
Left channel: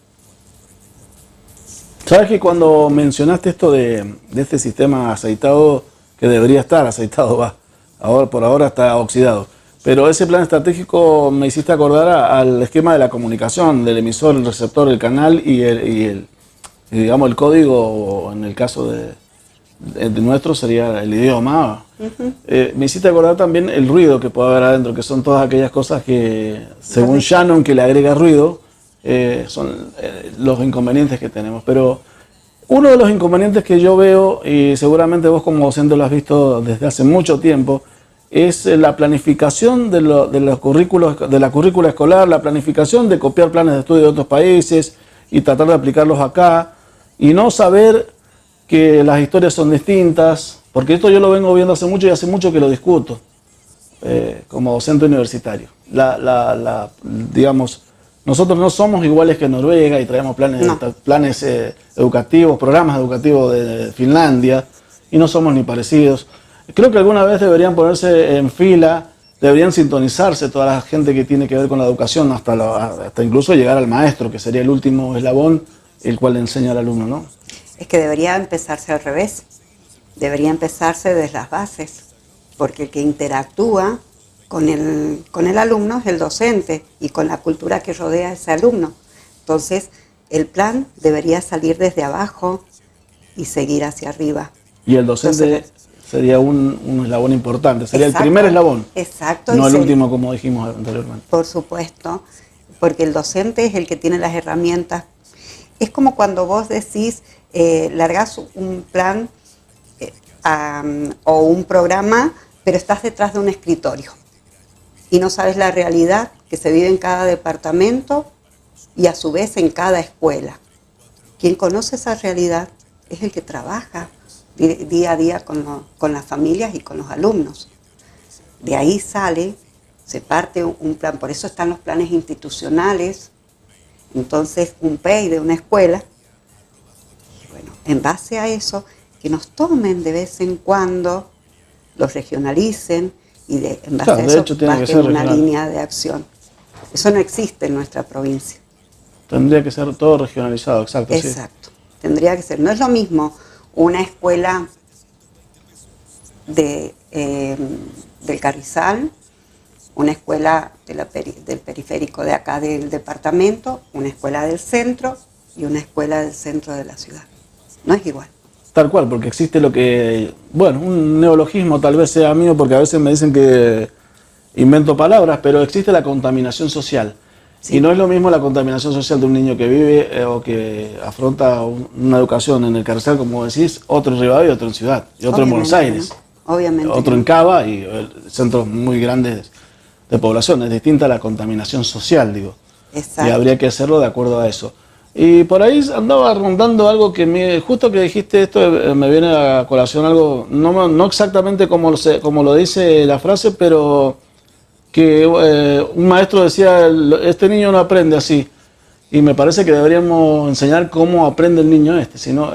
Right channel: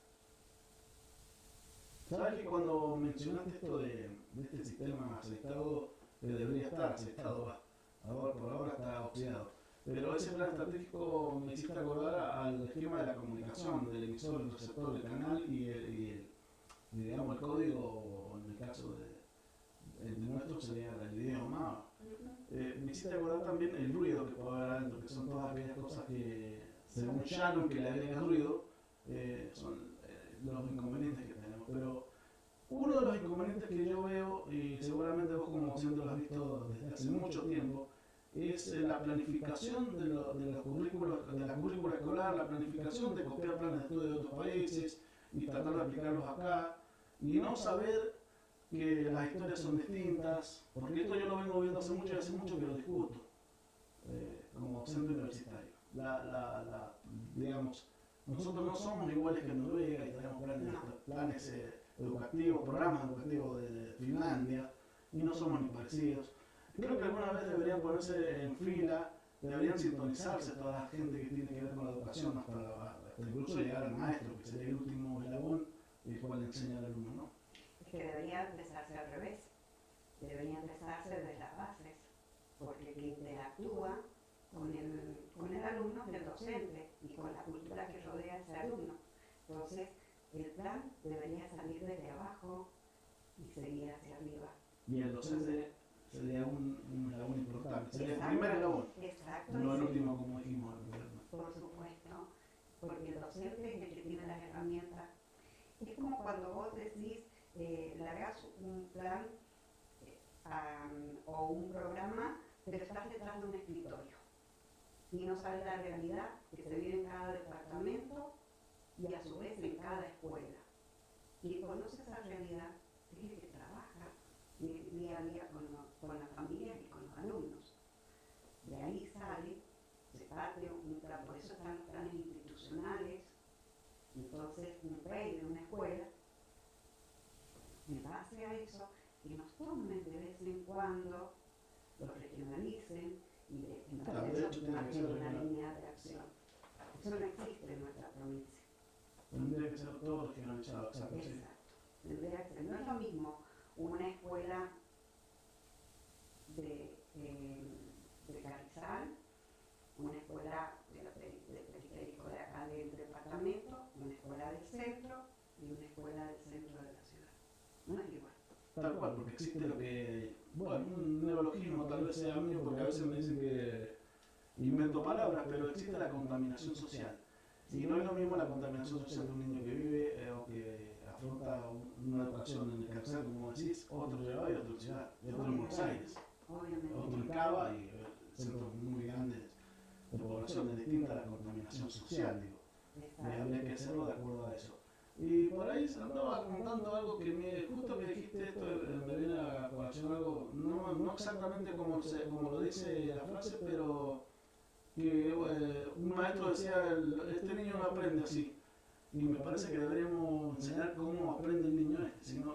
¿Sabes que cuando mencionaste esto de este sistema aceitado, que debería estar aceitado, por ahora está oxidado, pero ese plan estratégico me hiciste acordar al esquema de la comunicación, del emisor, el receptor, el canal y digamos el código, en el caso de nuestro sería el idioma. Me hiciste acordar también el ruido que puede haber adentro, que son todas aquellas cosas que, según Shannon, que le agrega ruido, son los inconvenientes que tenemos. Pero uno de los inconvenientes que yo veo, y seguramente vos como docente lo has visto desde hace mucho tiempo, es la planificación de la currícula escolar, la planificación de copiar planes de estudio de otros países y tratar de aplicarlos acá, y no saber que las historias son distintas, porque esto yo lo vengo viendo hace mucho y hace mucho que lo discuto como docente universitario. Digamos, nosotros no somos iguales que Noruega y traemos planes educativos, programas educativos de Finlandia, y no somos ni parecidos. Creo que alguna vez deberían ponerse en fila, deberían sintonizarse toda la gente que tiene que ver con la educación, hasta incluso llegar al maestro, que sería el último eslabón, el cual le enseña al alumno, ¿no? Es que debería empezarse al revés, debería empezarse desde las bases, porque el que interactúa con el alumno es el docente y con la cultura que rodea a ese alumno. Entonces, el plan debería salir desde abajo y seguir hacia arriba. Y el docente sería un eslabón importante, sería el primer eslabón, no el último, como dijimos anteriormente. Por supuesto, porque el docente es el que tiene las herramientas. Es como cuando vos decís, largás un plan o un programa, pero estás detrás de un escritorio y no sabes la realidad que se vive en cada departamento y a su vez en cada escuela. Quien conoce esa realidad es el que trabaja día a día con las familias y con los alumnos. De ahí se parte un plan, por eso están los planes institucionales, entonces un PEI de una escuela. Y bueno, en base a eso, que nos tomen de vez en cuando, los regionalicen y en base a eso bajen una línea de acción. Eso no existe en nuestra provincia. Tendría que ser todo regionalizado, exacto. Exacto, sí. Tendría que ser. No es lo mismo una escuela del Carrizal, una escuela del periférico de acá del departamento, una escuela del centro y una escuela del centro de la ciudad. No es igual. Tal cual, porque existe lo que, bueno, un neologismo tal vez sea mío, porque a veces me dicen que invento palabras, pero existe la contaminación social. Sí. Y no es lo mismo la contaminación social de un niño que vive o que afronta una educación en el Carrizal, como decís, otro en Rivadavia y otro en Ciudad, y otro en Buenos Aires, ¿no? Obviamente. Otro en Cava y centros muy grandes de población. Es distinta la contaminación social, digo. Exacto. Y habría que hacerlo de acuerdo a eso. Y por ahí andaba rondando algo justo que dijiste esto, me viene a colación algo, no exactamente como lo dice la frase, pero que un maestro decía, este niño no aprende así. Y me parece que deberíamos enseñar cómo aprende el niño sino,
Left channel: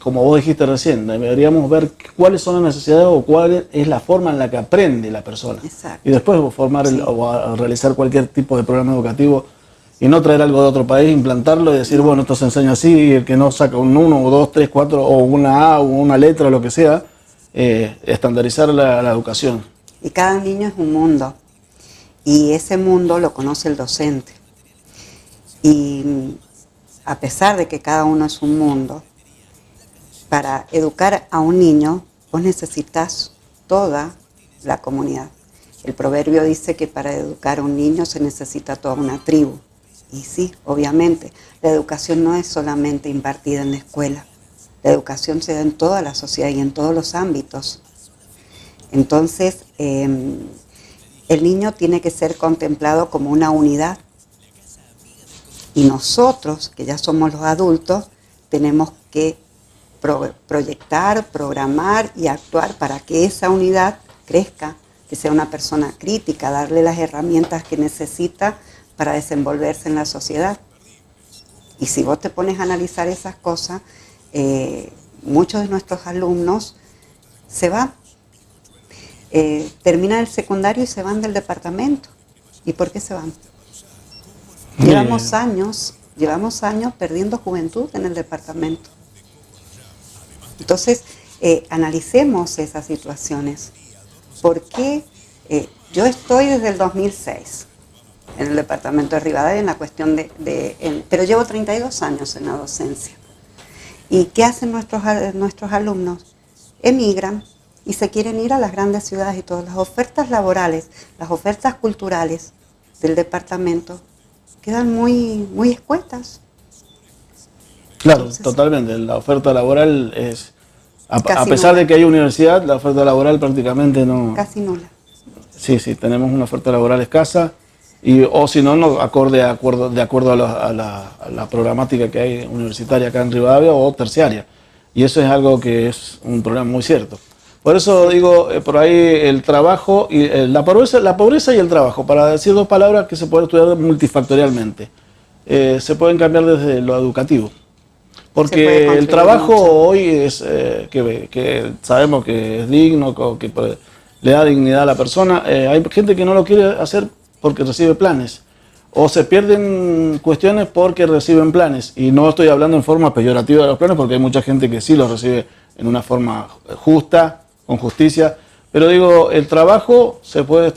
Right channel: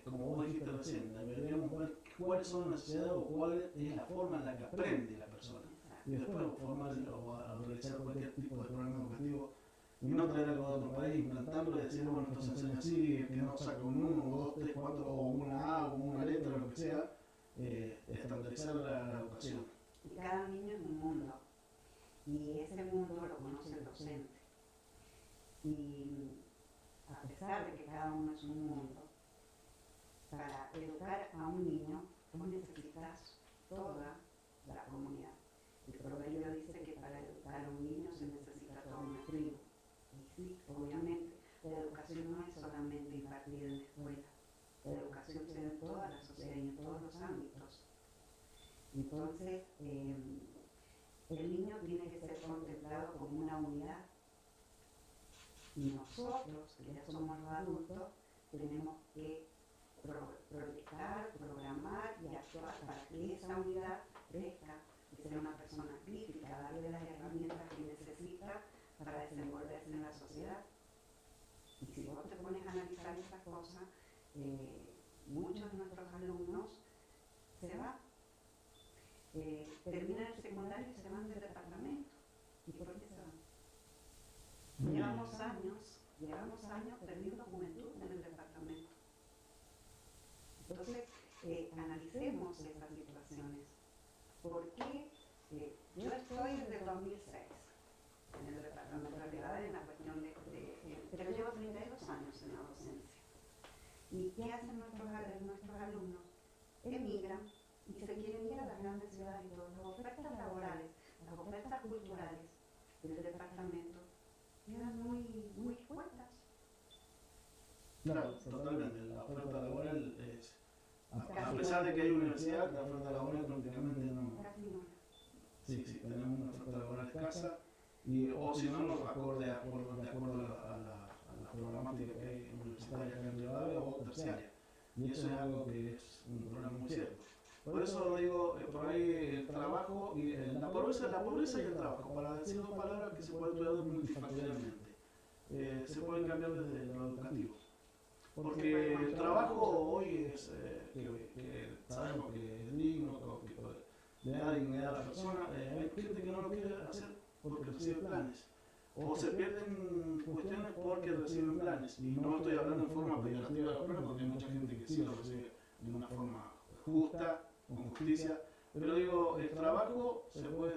como vos dijiste recién, deberíamos ver cuáles son las necesidades o cuál es la forma en la que aprende la persona. Exacto. Y después Sí. o a realizar cualquier tipo de programa educativo y no traer algo de otro país, implantarlo y decir, No. bueno, esto se enseña así, y el que no saca un 1 o 2, 3, 4 o una A o una letra o lo que sea, estandarizar la educación. Y cada niño es un mundo. Y ese mundo lo conoce el docente. Y a pesar de que cada uno es un mundo, para educar a un niño vos necesitas toda la comunidad. El proverbio dice que para educar a un niño se necesita toda una tribu. Y sí, obviamente, la educación no es solamente impartida en la escuela. La educación se da en toda la sociedad y en todos los ámbitos. Entonces, el niño tiene que ser contemplado como una unidad. Y nosotros, que ya somos los adultos, tenemos que proyectar, programar y actuar para que esa unidad crezca, que sea una persona crítica, darle las herramientas que necesita para desenvolverse en la sociedad. Y si vos te pones a analizar esas cosas, muchos de nuestros alumnos se van, terminan el secundario y se van del departamento. ¿Y por qué se van? Llevamos años perdiendo juventud en el departamento. Entonces, analicemos esas situaciones. ¿Por qué? Yo estoy desde el 2006 en el departamento de Rivadavia en la cuestión pero llevo 32 años en la docencia. ¿Y qué hacen nuestros alumnos? Emigran y se quieren ir a las grandes ciudades y todas las ofertas laborales, las ofertas culturales del departamento quedan muy, muy escuetas. Claro, Entonces, totalmente. La oferta laboral es, a casi pesar nula. de que hay universidad, la oferta laboral prácticamente no. Casi nula. Sí, tenemos una oferta laboral escasa o si no, no de acuerdo a la programática que hay universitaria acá en Rivadavia o terciaria. Y eso es algo que es un problema muy cierto. Por eso digo, por ahí el trabajo y la pobreza y el trabajo, para decir dos palabras que se pueden estudiar multifactorialmente. Se pueden cambiar desde lo educativo. Porque el trabajo mucho. hoy es que sabemos que es digno, que le da dignidad a la persona. Hay gente que no lo quiere hacer porque recibe planes. O se pierden cuestiones porque reciben planes. Y no estoy hablando en forma peyorativa de los planes porque hay mucha gente que sí los recibe en una forma justa, con justicia. Pero digo, el trabajo se puede...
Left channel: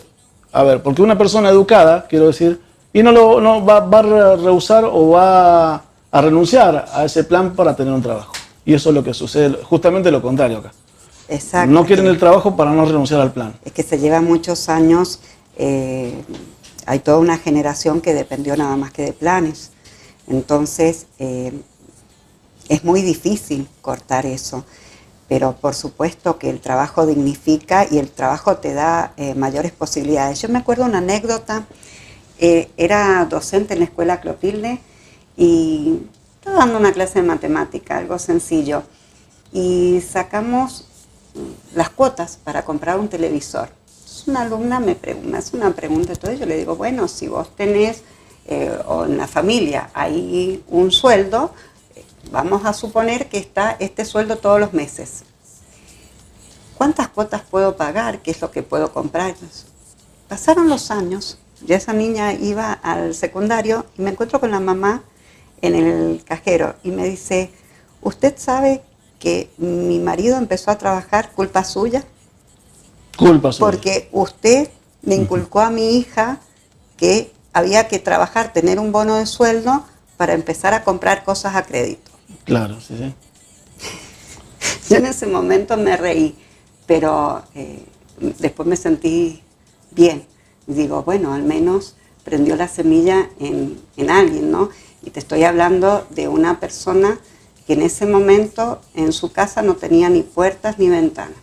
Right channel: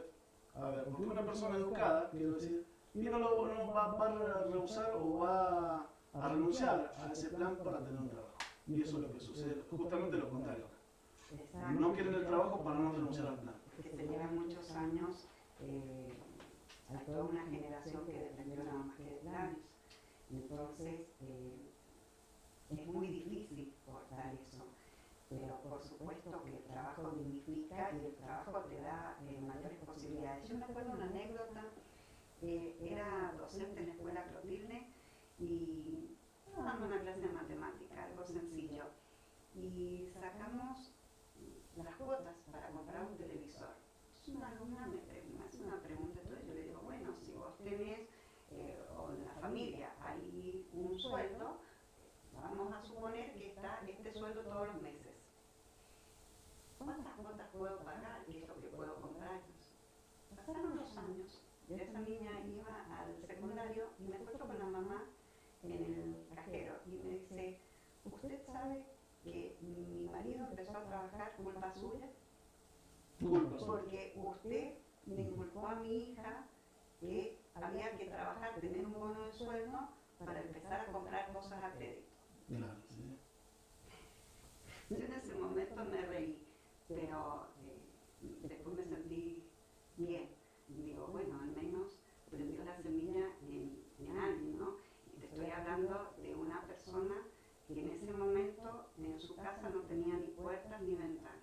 A ver, porque una persona educada, quiero decir, y no va a rehusar o va a renunciar a ese plan para tener un trabajo. Y eso es lo que sucede, justamente lo contrario acá. Exacto. No quieren el trabajo para no renunciar al plan. Es que se llevan muchos años, hay toda una generación que dependió nada más que de planes. Entonces, es muy difícil cortar eso. Pero por supuesto que el trabajo dignifica y el trabajo te da mayores posibilidades. Yo me acuerdo una anécdota, era docente en la escuela Clotilde y estaba dando una clase de matemática, algo sencillo, y sacamos las cuotas para comprar un televisor. Entonces una alumna me hace una pregunta y todo, yo le digo, bueno, si vos tenés, o en la familia hay un sueldo, vamos a suponer que está este sueldo todos los meses. ¿Cuántas cuotas puedo pagar? ¿Qué es lo que puedo comprar? Entonces, pasaron los años, ya esa niña iba al secundario y me encuentro con la mamá en el cajero y me dice, ¿usted sabe que mi marido empezó a trabajar culpa suya? Culpa suya. Porque usted me inculcó a mi hija que había que trabajar, tener un bono de sueldo para empezar a comprar cosas a crédito. Claro, sí. Yo en ese momento me reí, pero después me sentí bien. Y digo, bueno, al menos prendió la semilla en alguien, ¿no? Y te estoy hablando de una persona que en ese momento en su casa no tenía ni puertas ni ventanas.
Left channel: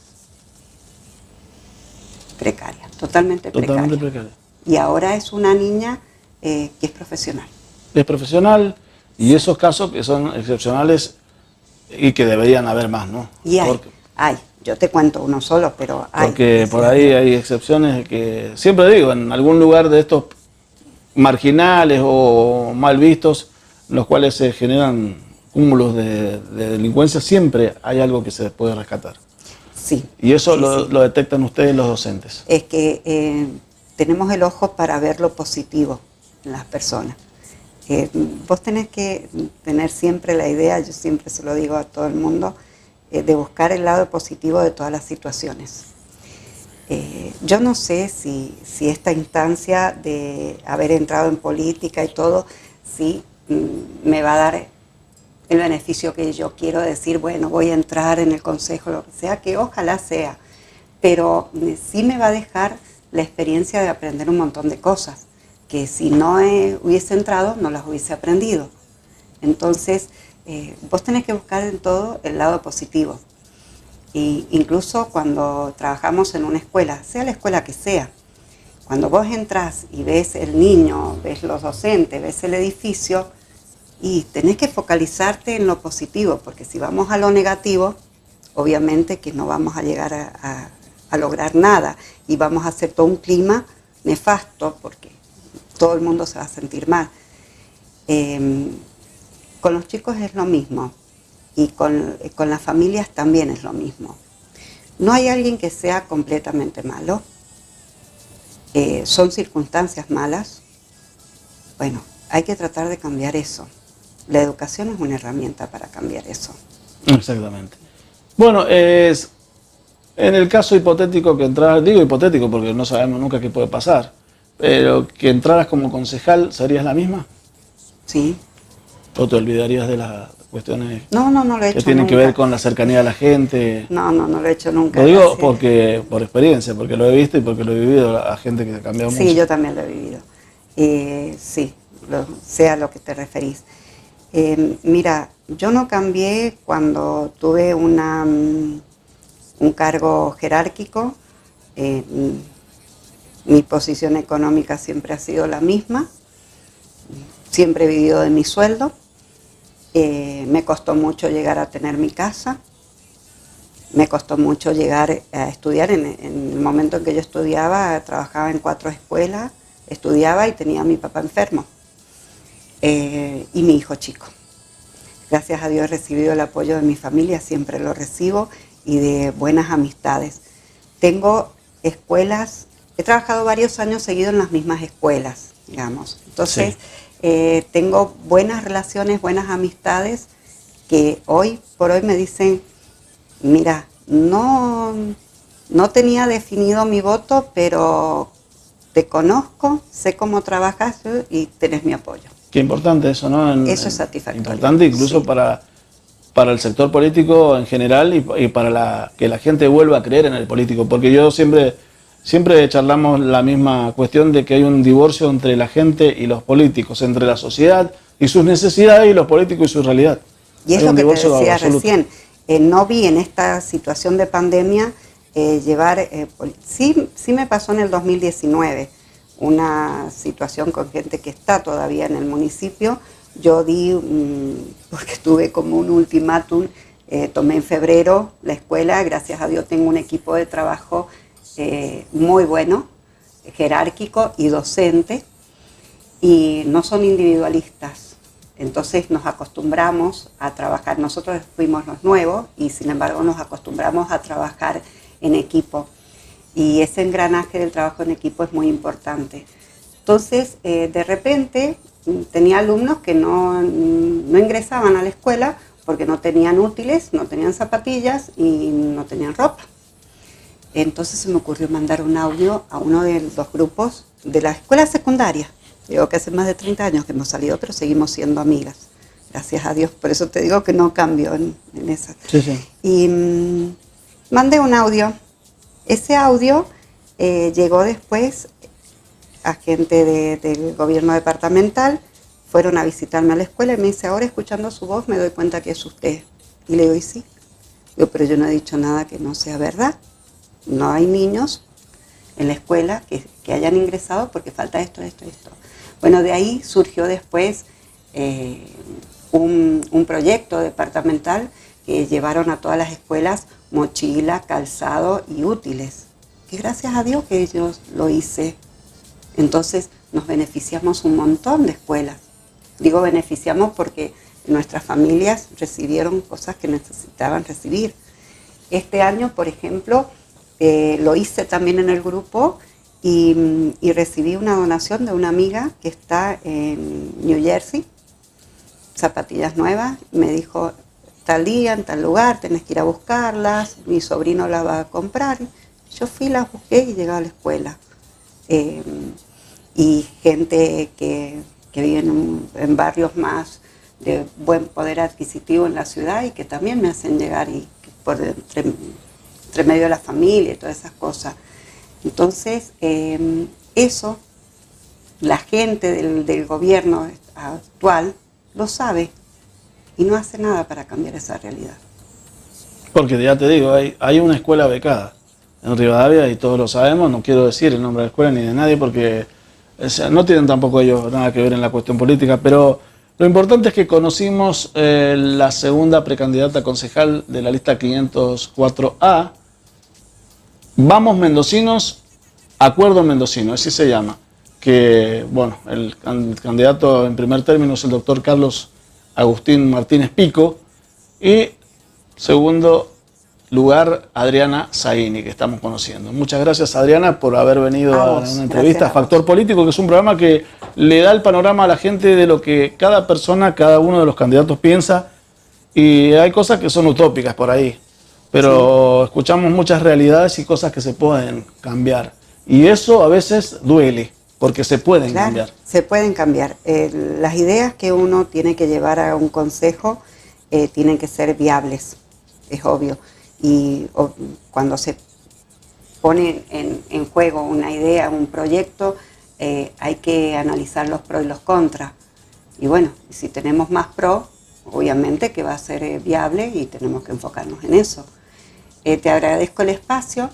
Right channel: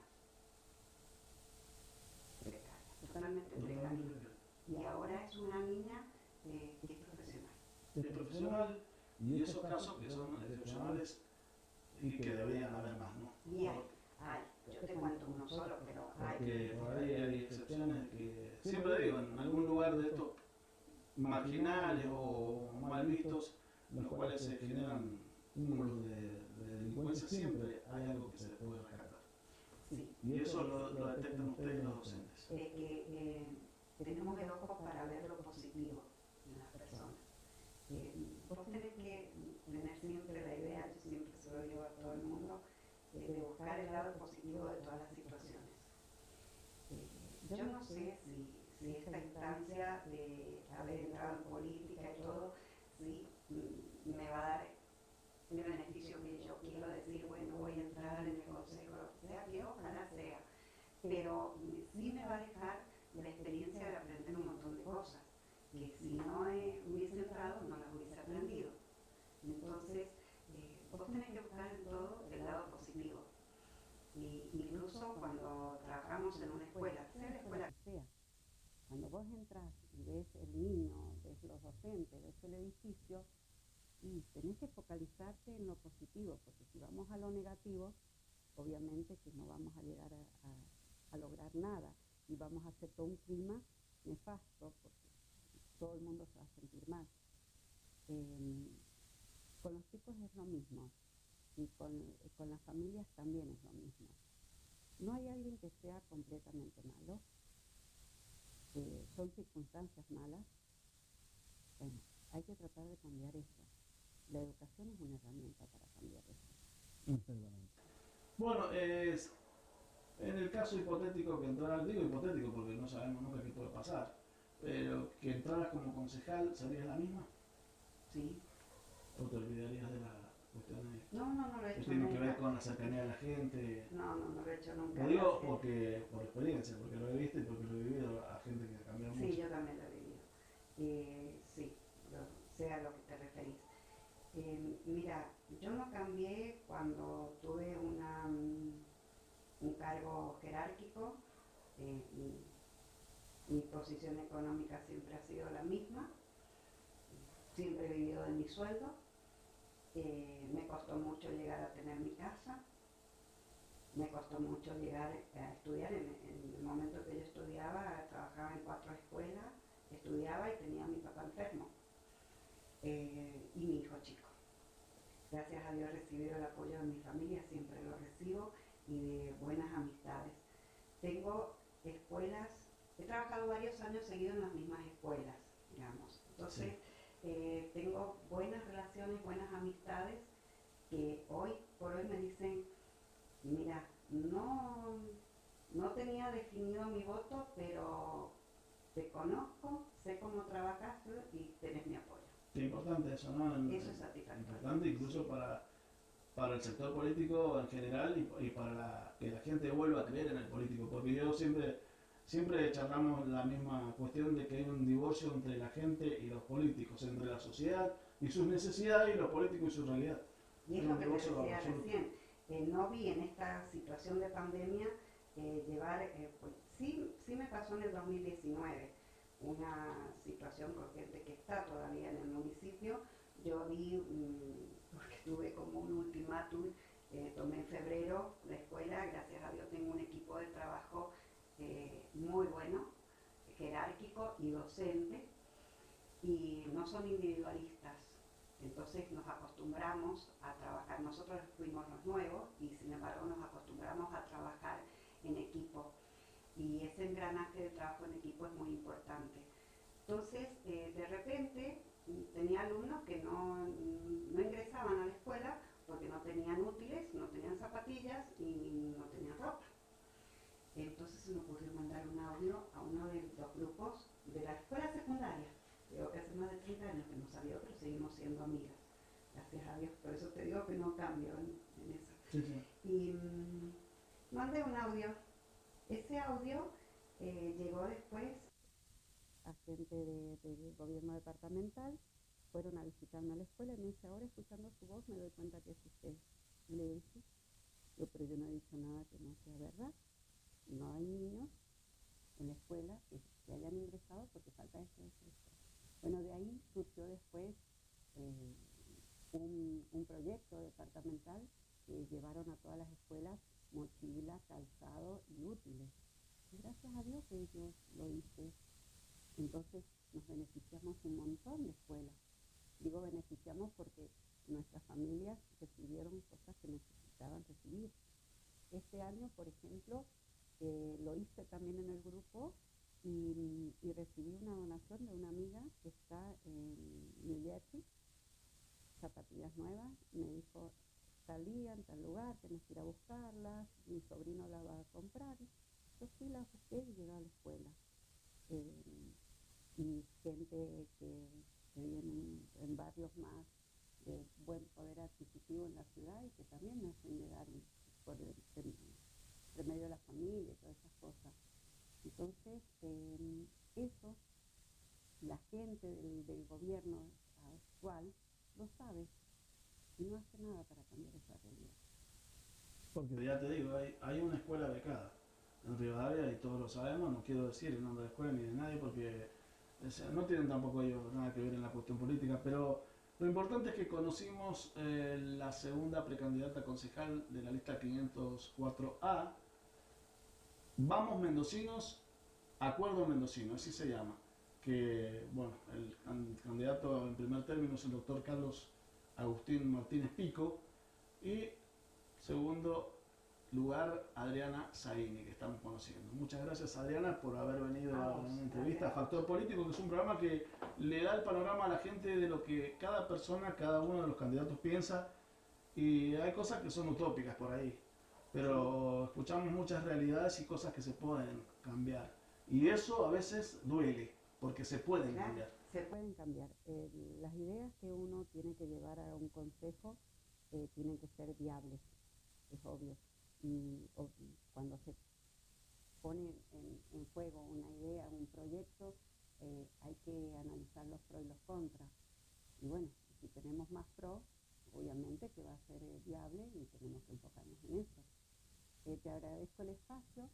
Precaria, totalmente precaria. Y ahora es una niña que es profesional. Es profesional, Y esos casos que son excepcionales y que deberían haber más, ¿no? Y hay, yo te cuento uno solo, pero hay. Porque por ahí hay excepciones que, siempre digo, en algún lugar de estos marginales o mal vistos, en los cuales se generan cúmulos de delincuencia, siempre hay algo que se puede rescatar. Sí. Y eso sí, lo detectan ustedes los docentes. Es que tenemos el ojo para ver lo positivo en las personas. Vos tenés que tener siempre la idea, yo siempre se lo digo a todo el mundo, de buscar el lado positivo de todas las situaciones. Yo no sé si esta instancia de haber entrado en política y todo, si me va a dar el beneficio que yo quiero decir, bueno, voy a entrar en el consejo, lo que sea, que ojalá sea, pero sí me va a dejar la experiencia de aprender un montón de cosas, que si no hubiese entrado, no las hubiese aprendido. Entonces, vos tenés que buscar en todo el lado positivo. Y incluso cuando trabajamos en una escuela, sea la escuela que sea, cuando vos entras y ves el niño, ves los docentes, ves el edificio, y tenés que focalizarte en lo positivo, porque si vamos a lo negativo, obviamente que no vamos a llegar a lograr nada y vamos a hacer todo un clima nefasto, porque todo el mundo se va a sentir mal. Con los chicos es lo mismo. Y con las familias también es lo mismo. No hay alguien que sea completamente malo. Son circunstancias malas. Bueno, hay que tratar de cambiar eso. La educación es una herramienta para cambiar eso. Exactamente. Bueno, en el caso hipotético que entraras, digo hipotético porque no sabemos nunca qué puede pasar, pero que entraras como concejal, ¿serías la misma? Sí. ¿O te olvidarías de las cuestiones no lo he hecho que tienen nunca. que ver con la cercanía de la gente? No lo he hecho nunca. Lo digo porque, por experiencia, porque lo he visto y porque lo he vivido a gente que ha cambiado mucho. Sí, yo también lo he vivido. Sí, sea lo que te referís. Mira, yo no cambié cuando tuve un cargo jerárquico. Mi posición económica siempre ha sido la misma. Siempre he vivido de mi sueldo. Me costó mucho llegar a tener mi casa. Me costó mucho llegar a estudiar. En el momento en que yo estudiaba, trabajaba en 4 escuelas, estudiaba y tenía a mi papá enfermo. Y mi hijo chico. Gracias a Dios he recibido el apoyo de mi familia, siempre lo recibo, y de buenas amistades. Tengo escuelas, he trabajado varios años seguidos en las mismas escuelas, digamos. Entonces, sí. Tengo buenas relaciones, buenas amistades, que hoy por hoy me dicen, mira, no tenía definido mi voto, pero te conozco, sé cómo trabajas y tenés mi apoyo. Qué importante eso, ¿no? Eso es satisfactorio. Importante incluso sí. para el sector político en general y para que la gente vuelva a creer en el político. Porque yo siempre charlamos la misma cuestión de que hay un divorcio entre la gente y los políticos, entre la sociedad y sus necesidades y los políticos y su realidad. Y es lo que te decía recién. No vi en esta situación de pandemia llevar... sí me pasó en el 2019. Una situación con gente que está todavía en el municipio. Yo di, porque tuve como un ultimátum, tomé en febrero la escuela, gracias a Dios tengo un equipo de trabajo muy bueno, jerárquico y docente, y no son individualistas. Entonces nos acostumbramos a trabajar, nosotros fuimos los nuevos y sin embargo nos acostumbramos a trabajar en equipo. Y ese engranaje del trabajo en equipo es muy importante. Entonces, de repente, tenía alumnos que no ingresaban a la escuela porque no tenían útiles, no tenían zapatillas y no tenían ropa. Entonces se me ocurrió mandar un audio a uno de los grupos de la escuela secundaria. Digo que hace más de 30 años que hemos salido, pero seguimos siendo amigas. Gracias a Dios. Por eso te digo que no cambio en esa. Sí, sí. Y mandé un audio. Ese audio llegó después a gente del gobierno departamental, fueron a visitarme a la escuela y me dice, ahora escuchando su voz me doy cuenta que es usted. Y le digo, ¿y sí? Digo, pero yo no he dicho nada que no sea verdad. No hay niños en la escuela que hayan ingresado porque falta esto. Bueno, de ahí surgió después un proyecto departamental que llevaron a todas las escuelas mochila, calzado y útiles. Que gracias a Dios que yo lo hice. Entonces nos beneficiamos un montón de escuelas. Digo beneficiamos porque nuestras familias recibieron cosas que necesitaban recibir. Este año, por ejemplo, lo hice también en el grupo y recibí una donación de una amiga que está en New Jersey, zapatillas nuevas. Me dijo, tal día, en tal lugar, tenés que ir a buscarlas, mi sobrino las va a comprar. Yo fui, las busqué y llegué a la escuela. Y gente que vive en barrios más de buen poder adquisitivo en la ciudad y que también me hacen llegar y por entre medio de la familia y todas esas cosas. Entonces, eso, la gente del gobierno actual lo sabe y no hace nada para cambiar esa realidad. Porque ya te digo, hay una escuela becada en Rivadavia y todos lo sabemos, no quiero decir el nombre de la escuela ni de nadie porque no tienen tampoco ellos nada que ver en la cuestión política, pero lo importante es que conocimos la segunda precandidata a concejal de la lista 504A. Vamos Mendocinos, Acuerdo Mendocino, así se llama. Que, bueno, el candidato en primer término es el doctor Carlos Agustín Martínez Pico y segundo lugar Adriana Zaini, que estamos conociendo. Muchas gracias, Adriana, por haber venido a una entrevista a Factor Político, que es un programa que le da el panorama a la gente de lo que cada persona, cada uno de los candidatos piensa, y hay cosas que son utópicas por ahí, pero escuchamos muchas realidades y cosas que se pueden cambiar, y eso a veces duele, porque se pueden cambiar. Se pueden cambiar. Las ideas que uno tiene que llevar a un consejo tienen que ser viables, es obvio. Y cuando se pone en juego una idea, un proyecto, hay que analizar los pros y los contras. Y bueno, si tenemos más pros, obviamente que va a ser viable y tenemos que enfocarnos en eso. Te agradezco el espacio,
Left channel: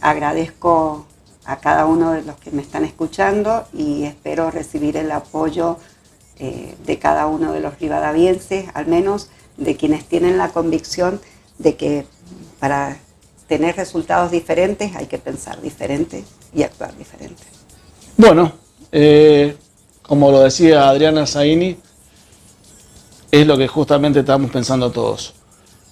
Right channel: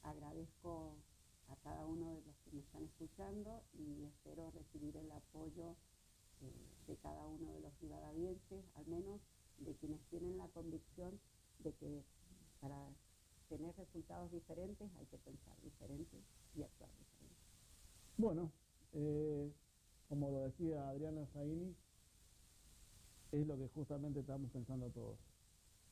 agradezco a cada uno de los que me están escuchando y espero recibir el apoyo de cada uno de los rivadavienses, al menos de quienes tienen la convicción de que para tener resultados diferentes hay que pensar diferente y actuar diferente. Bueno, como lo decía Adriana Zaini, es lo que justamente estamos pensando todos.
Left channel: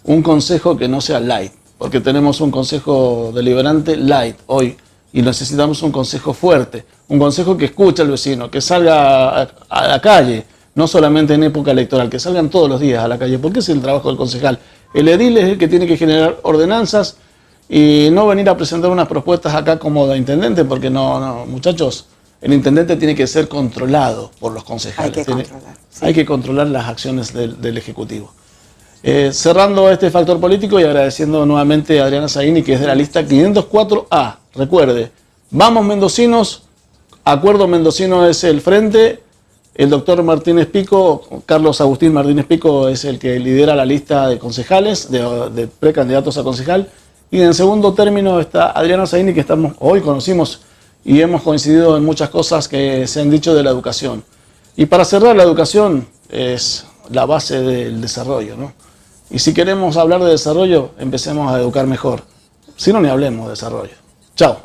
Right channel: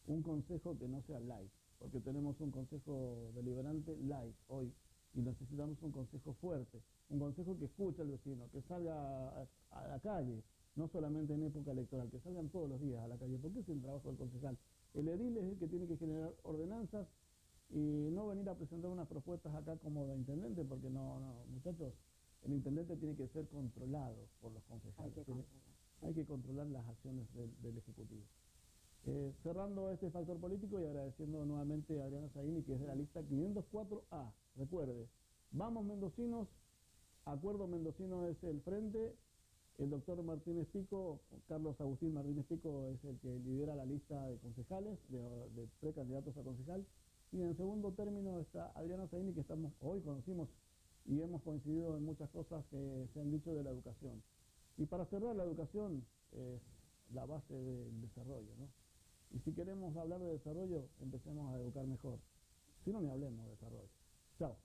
Un consejo que no sea light, porque tenemos un consejo deliberante light hoy y necesitamos un consejo fuerte, un consejo que escuche al vecino, que salga a la calle, no solamente en época electoral, que salgan todos los días a la calle, porque es el trabajo del concejal. El edil es el que tiene que generar ordenanzas y no venir a presentar unas propuestas acá como de intendente, porque no, muchachos, el intendente tiene que ser controlado por los concejales. Hay que controlar las acciones del Ejecutivo. Cerrando este factor político y agradeciendo nuevamente a Adriana Zaini, que es de la lista 504A. Recuerde, vamos Mendocinos, Acuerdo Mendocino es el frente. El doctor Martínez Pico, Carlos Agustín Martínez Pico, es el que lidera la lista de concejales, de precandidatos a concejal. Y en segundo término está Adriana Zaini, que hoy conocimos y hemos coincidido en muchas cosas que se han dicho de la educación. Y para cerrar, la educación es la base del desarrollo, ¿no? Y si queremos hablar de desarrollo, empecemos a educar mejor. Si no, ni hablemos de desarrollo. Chao.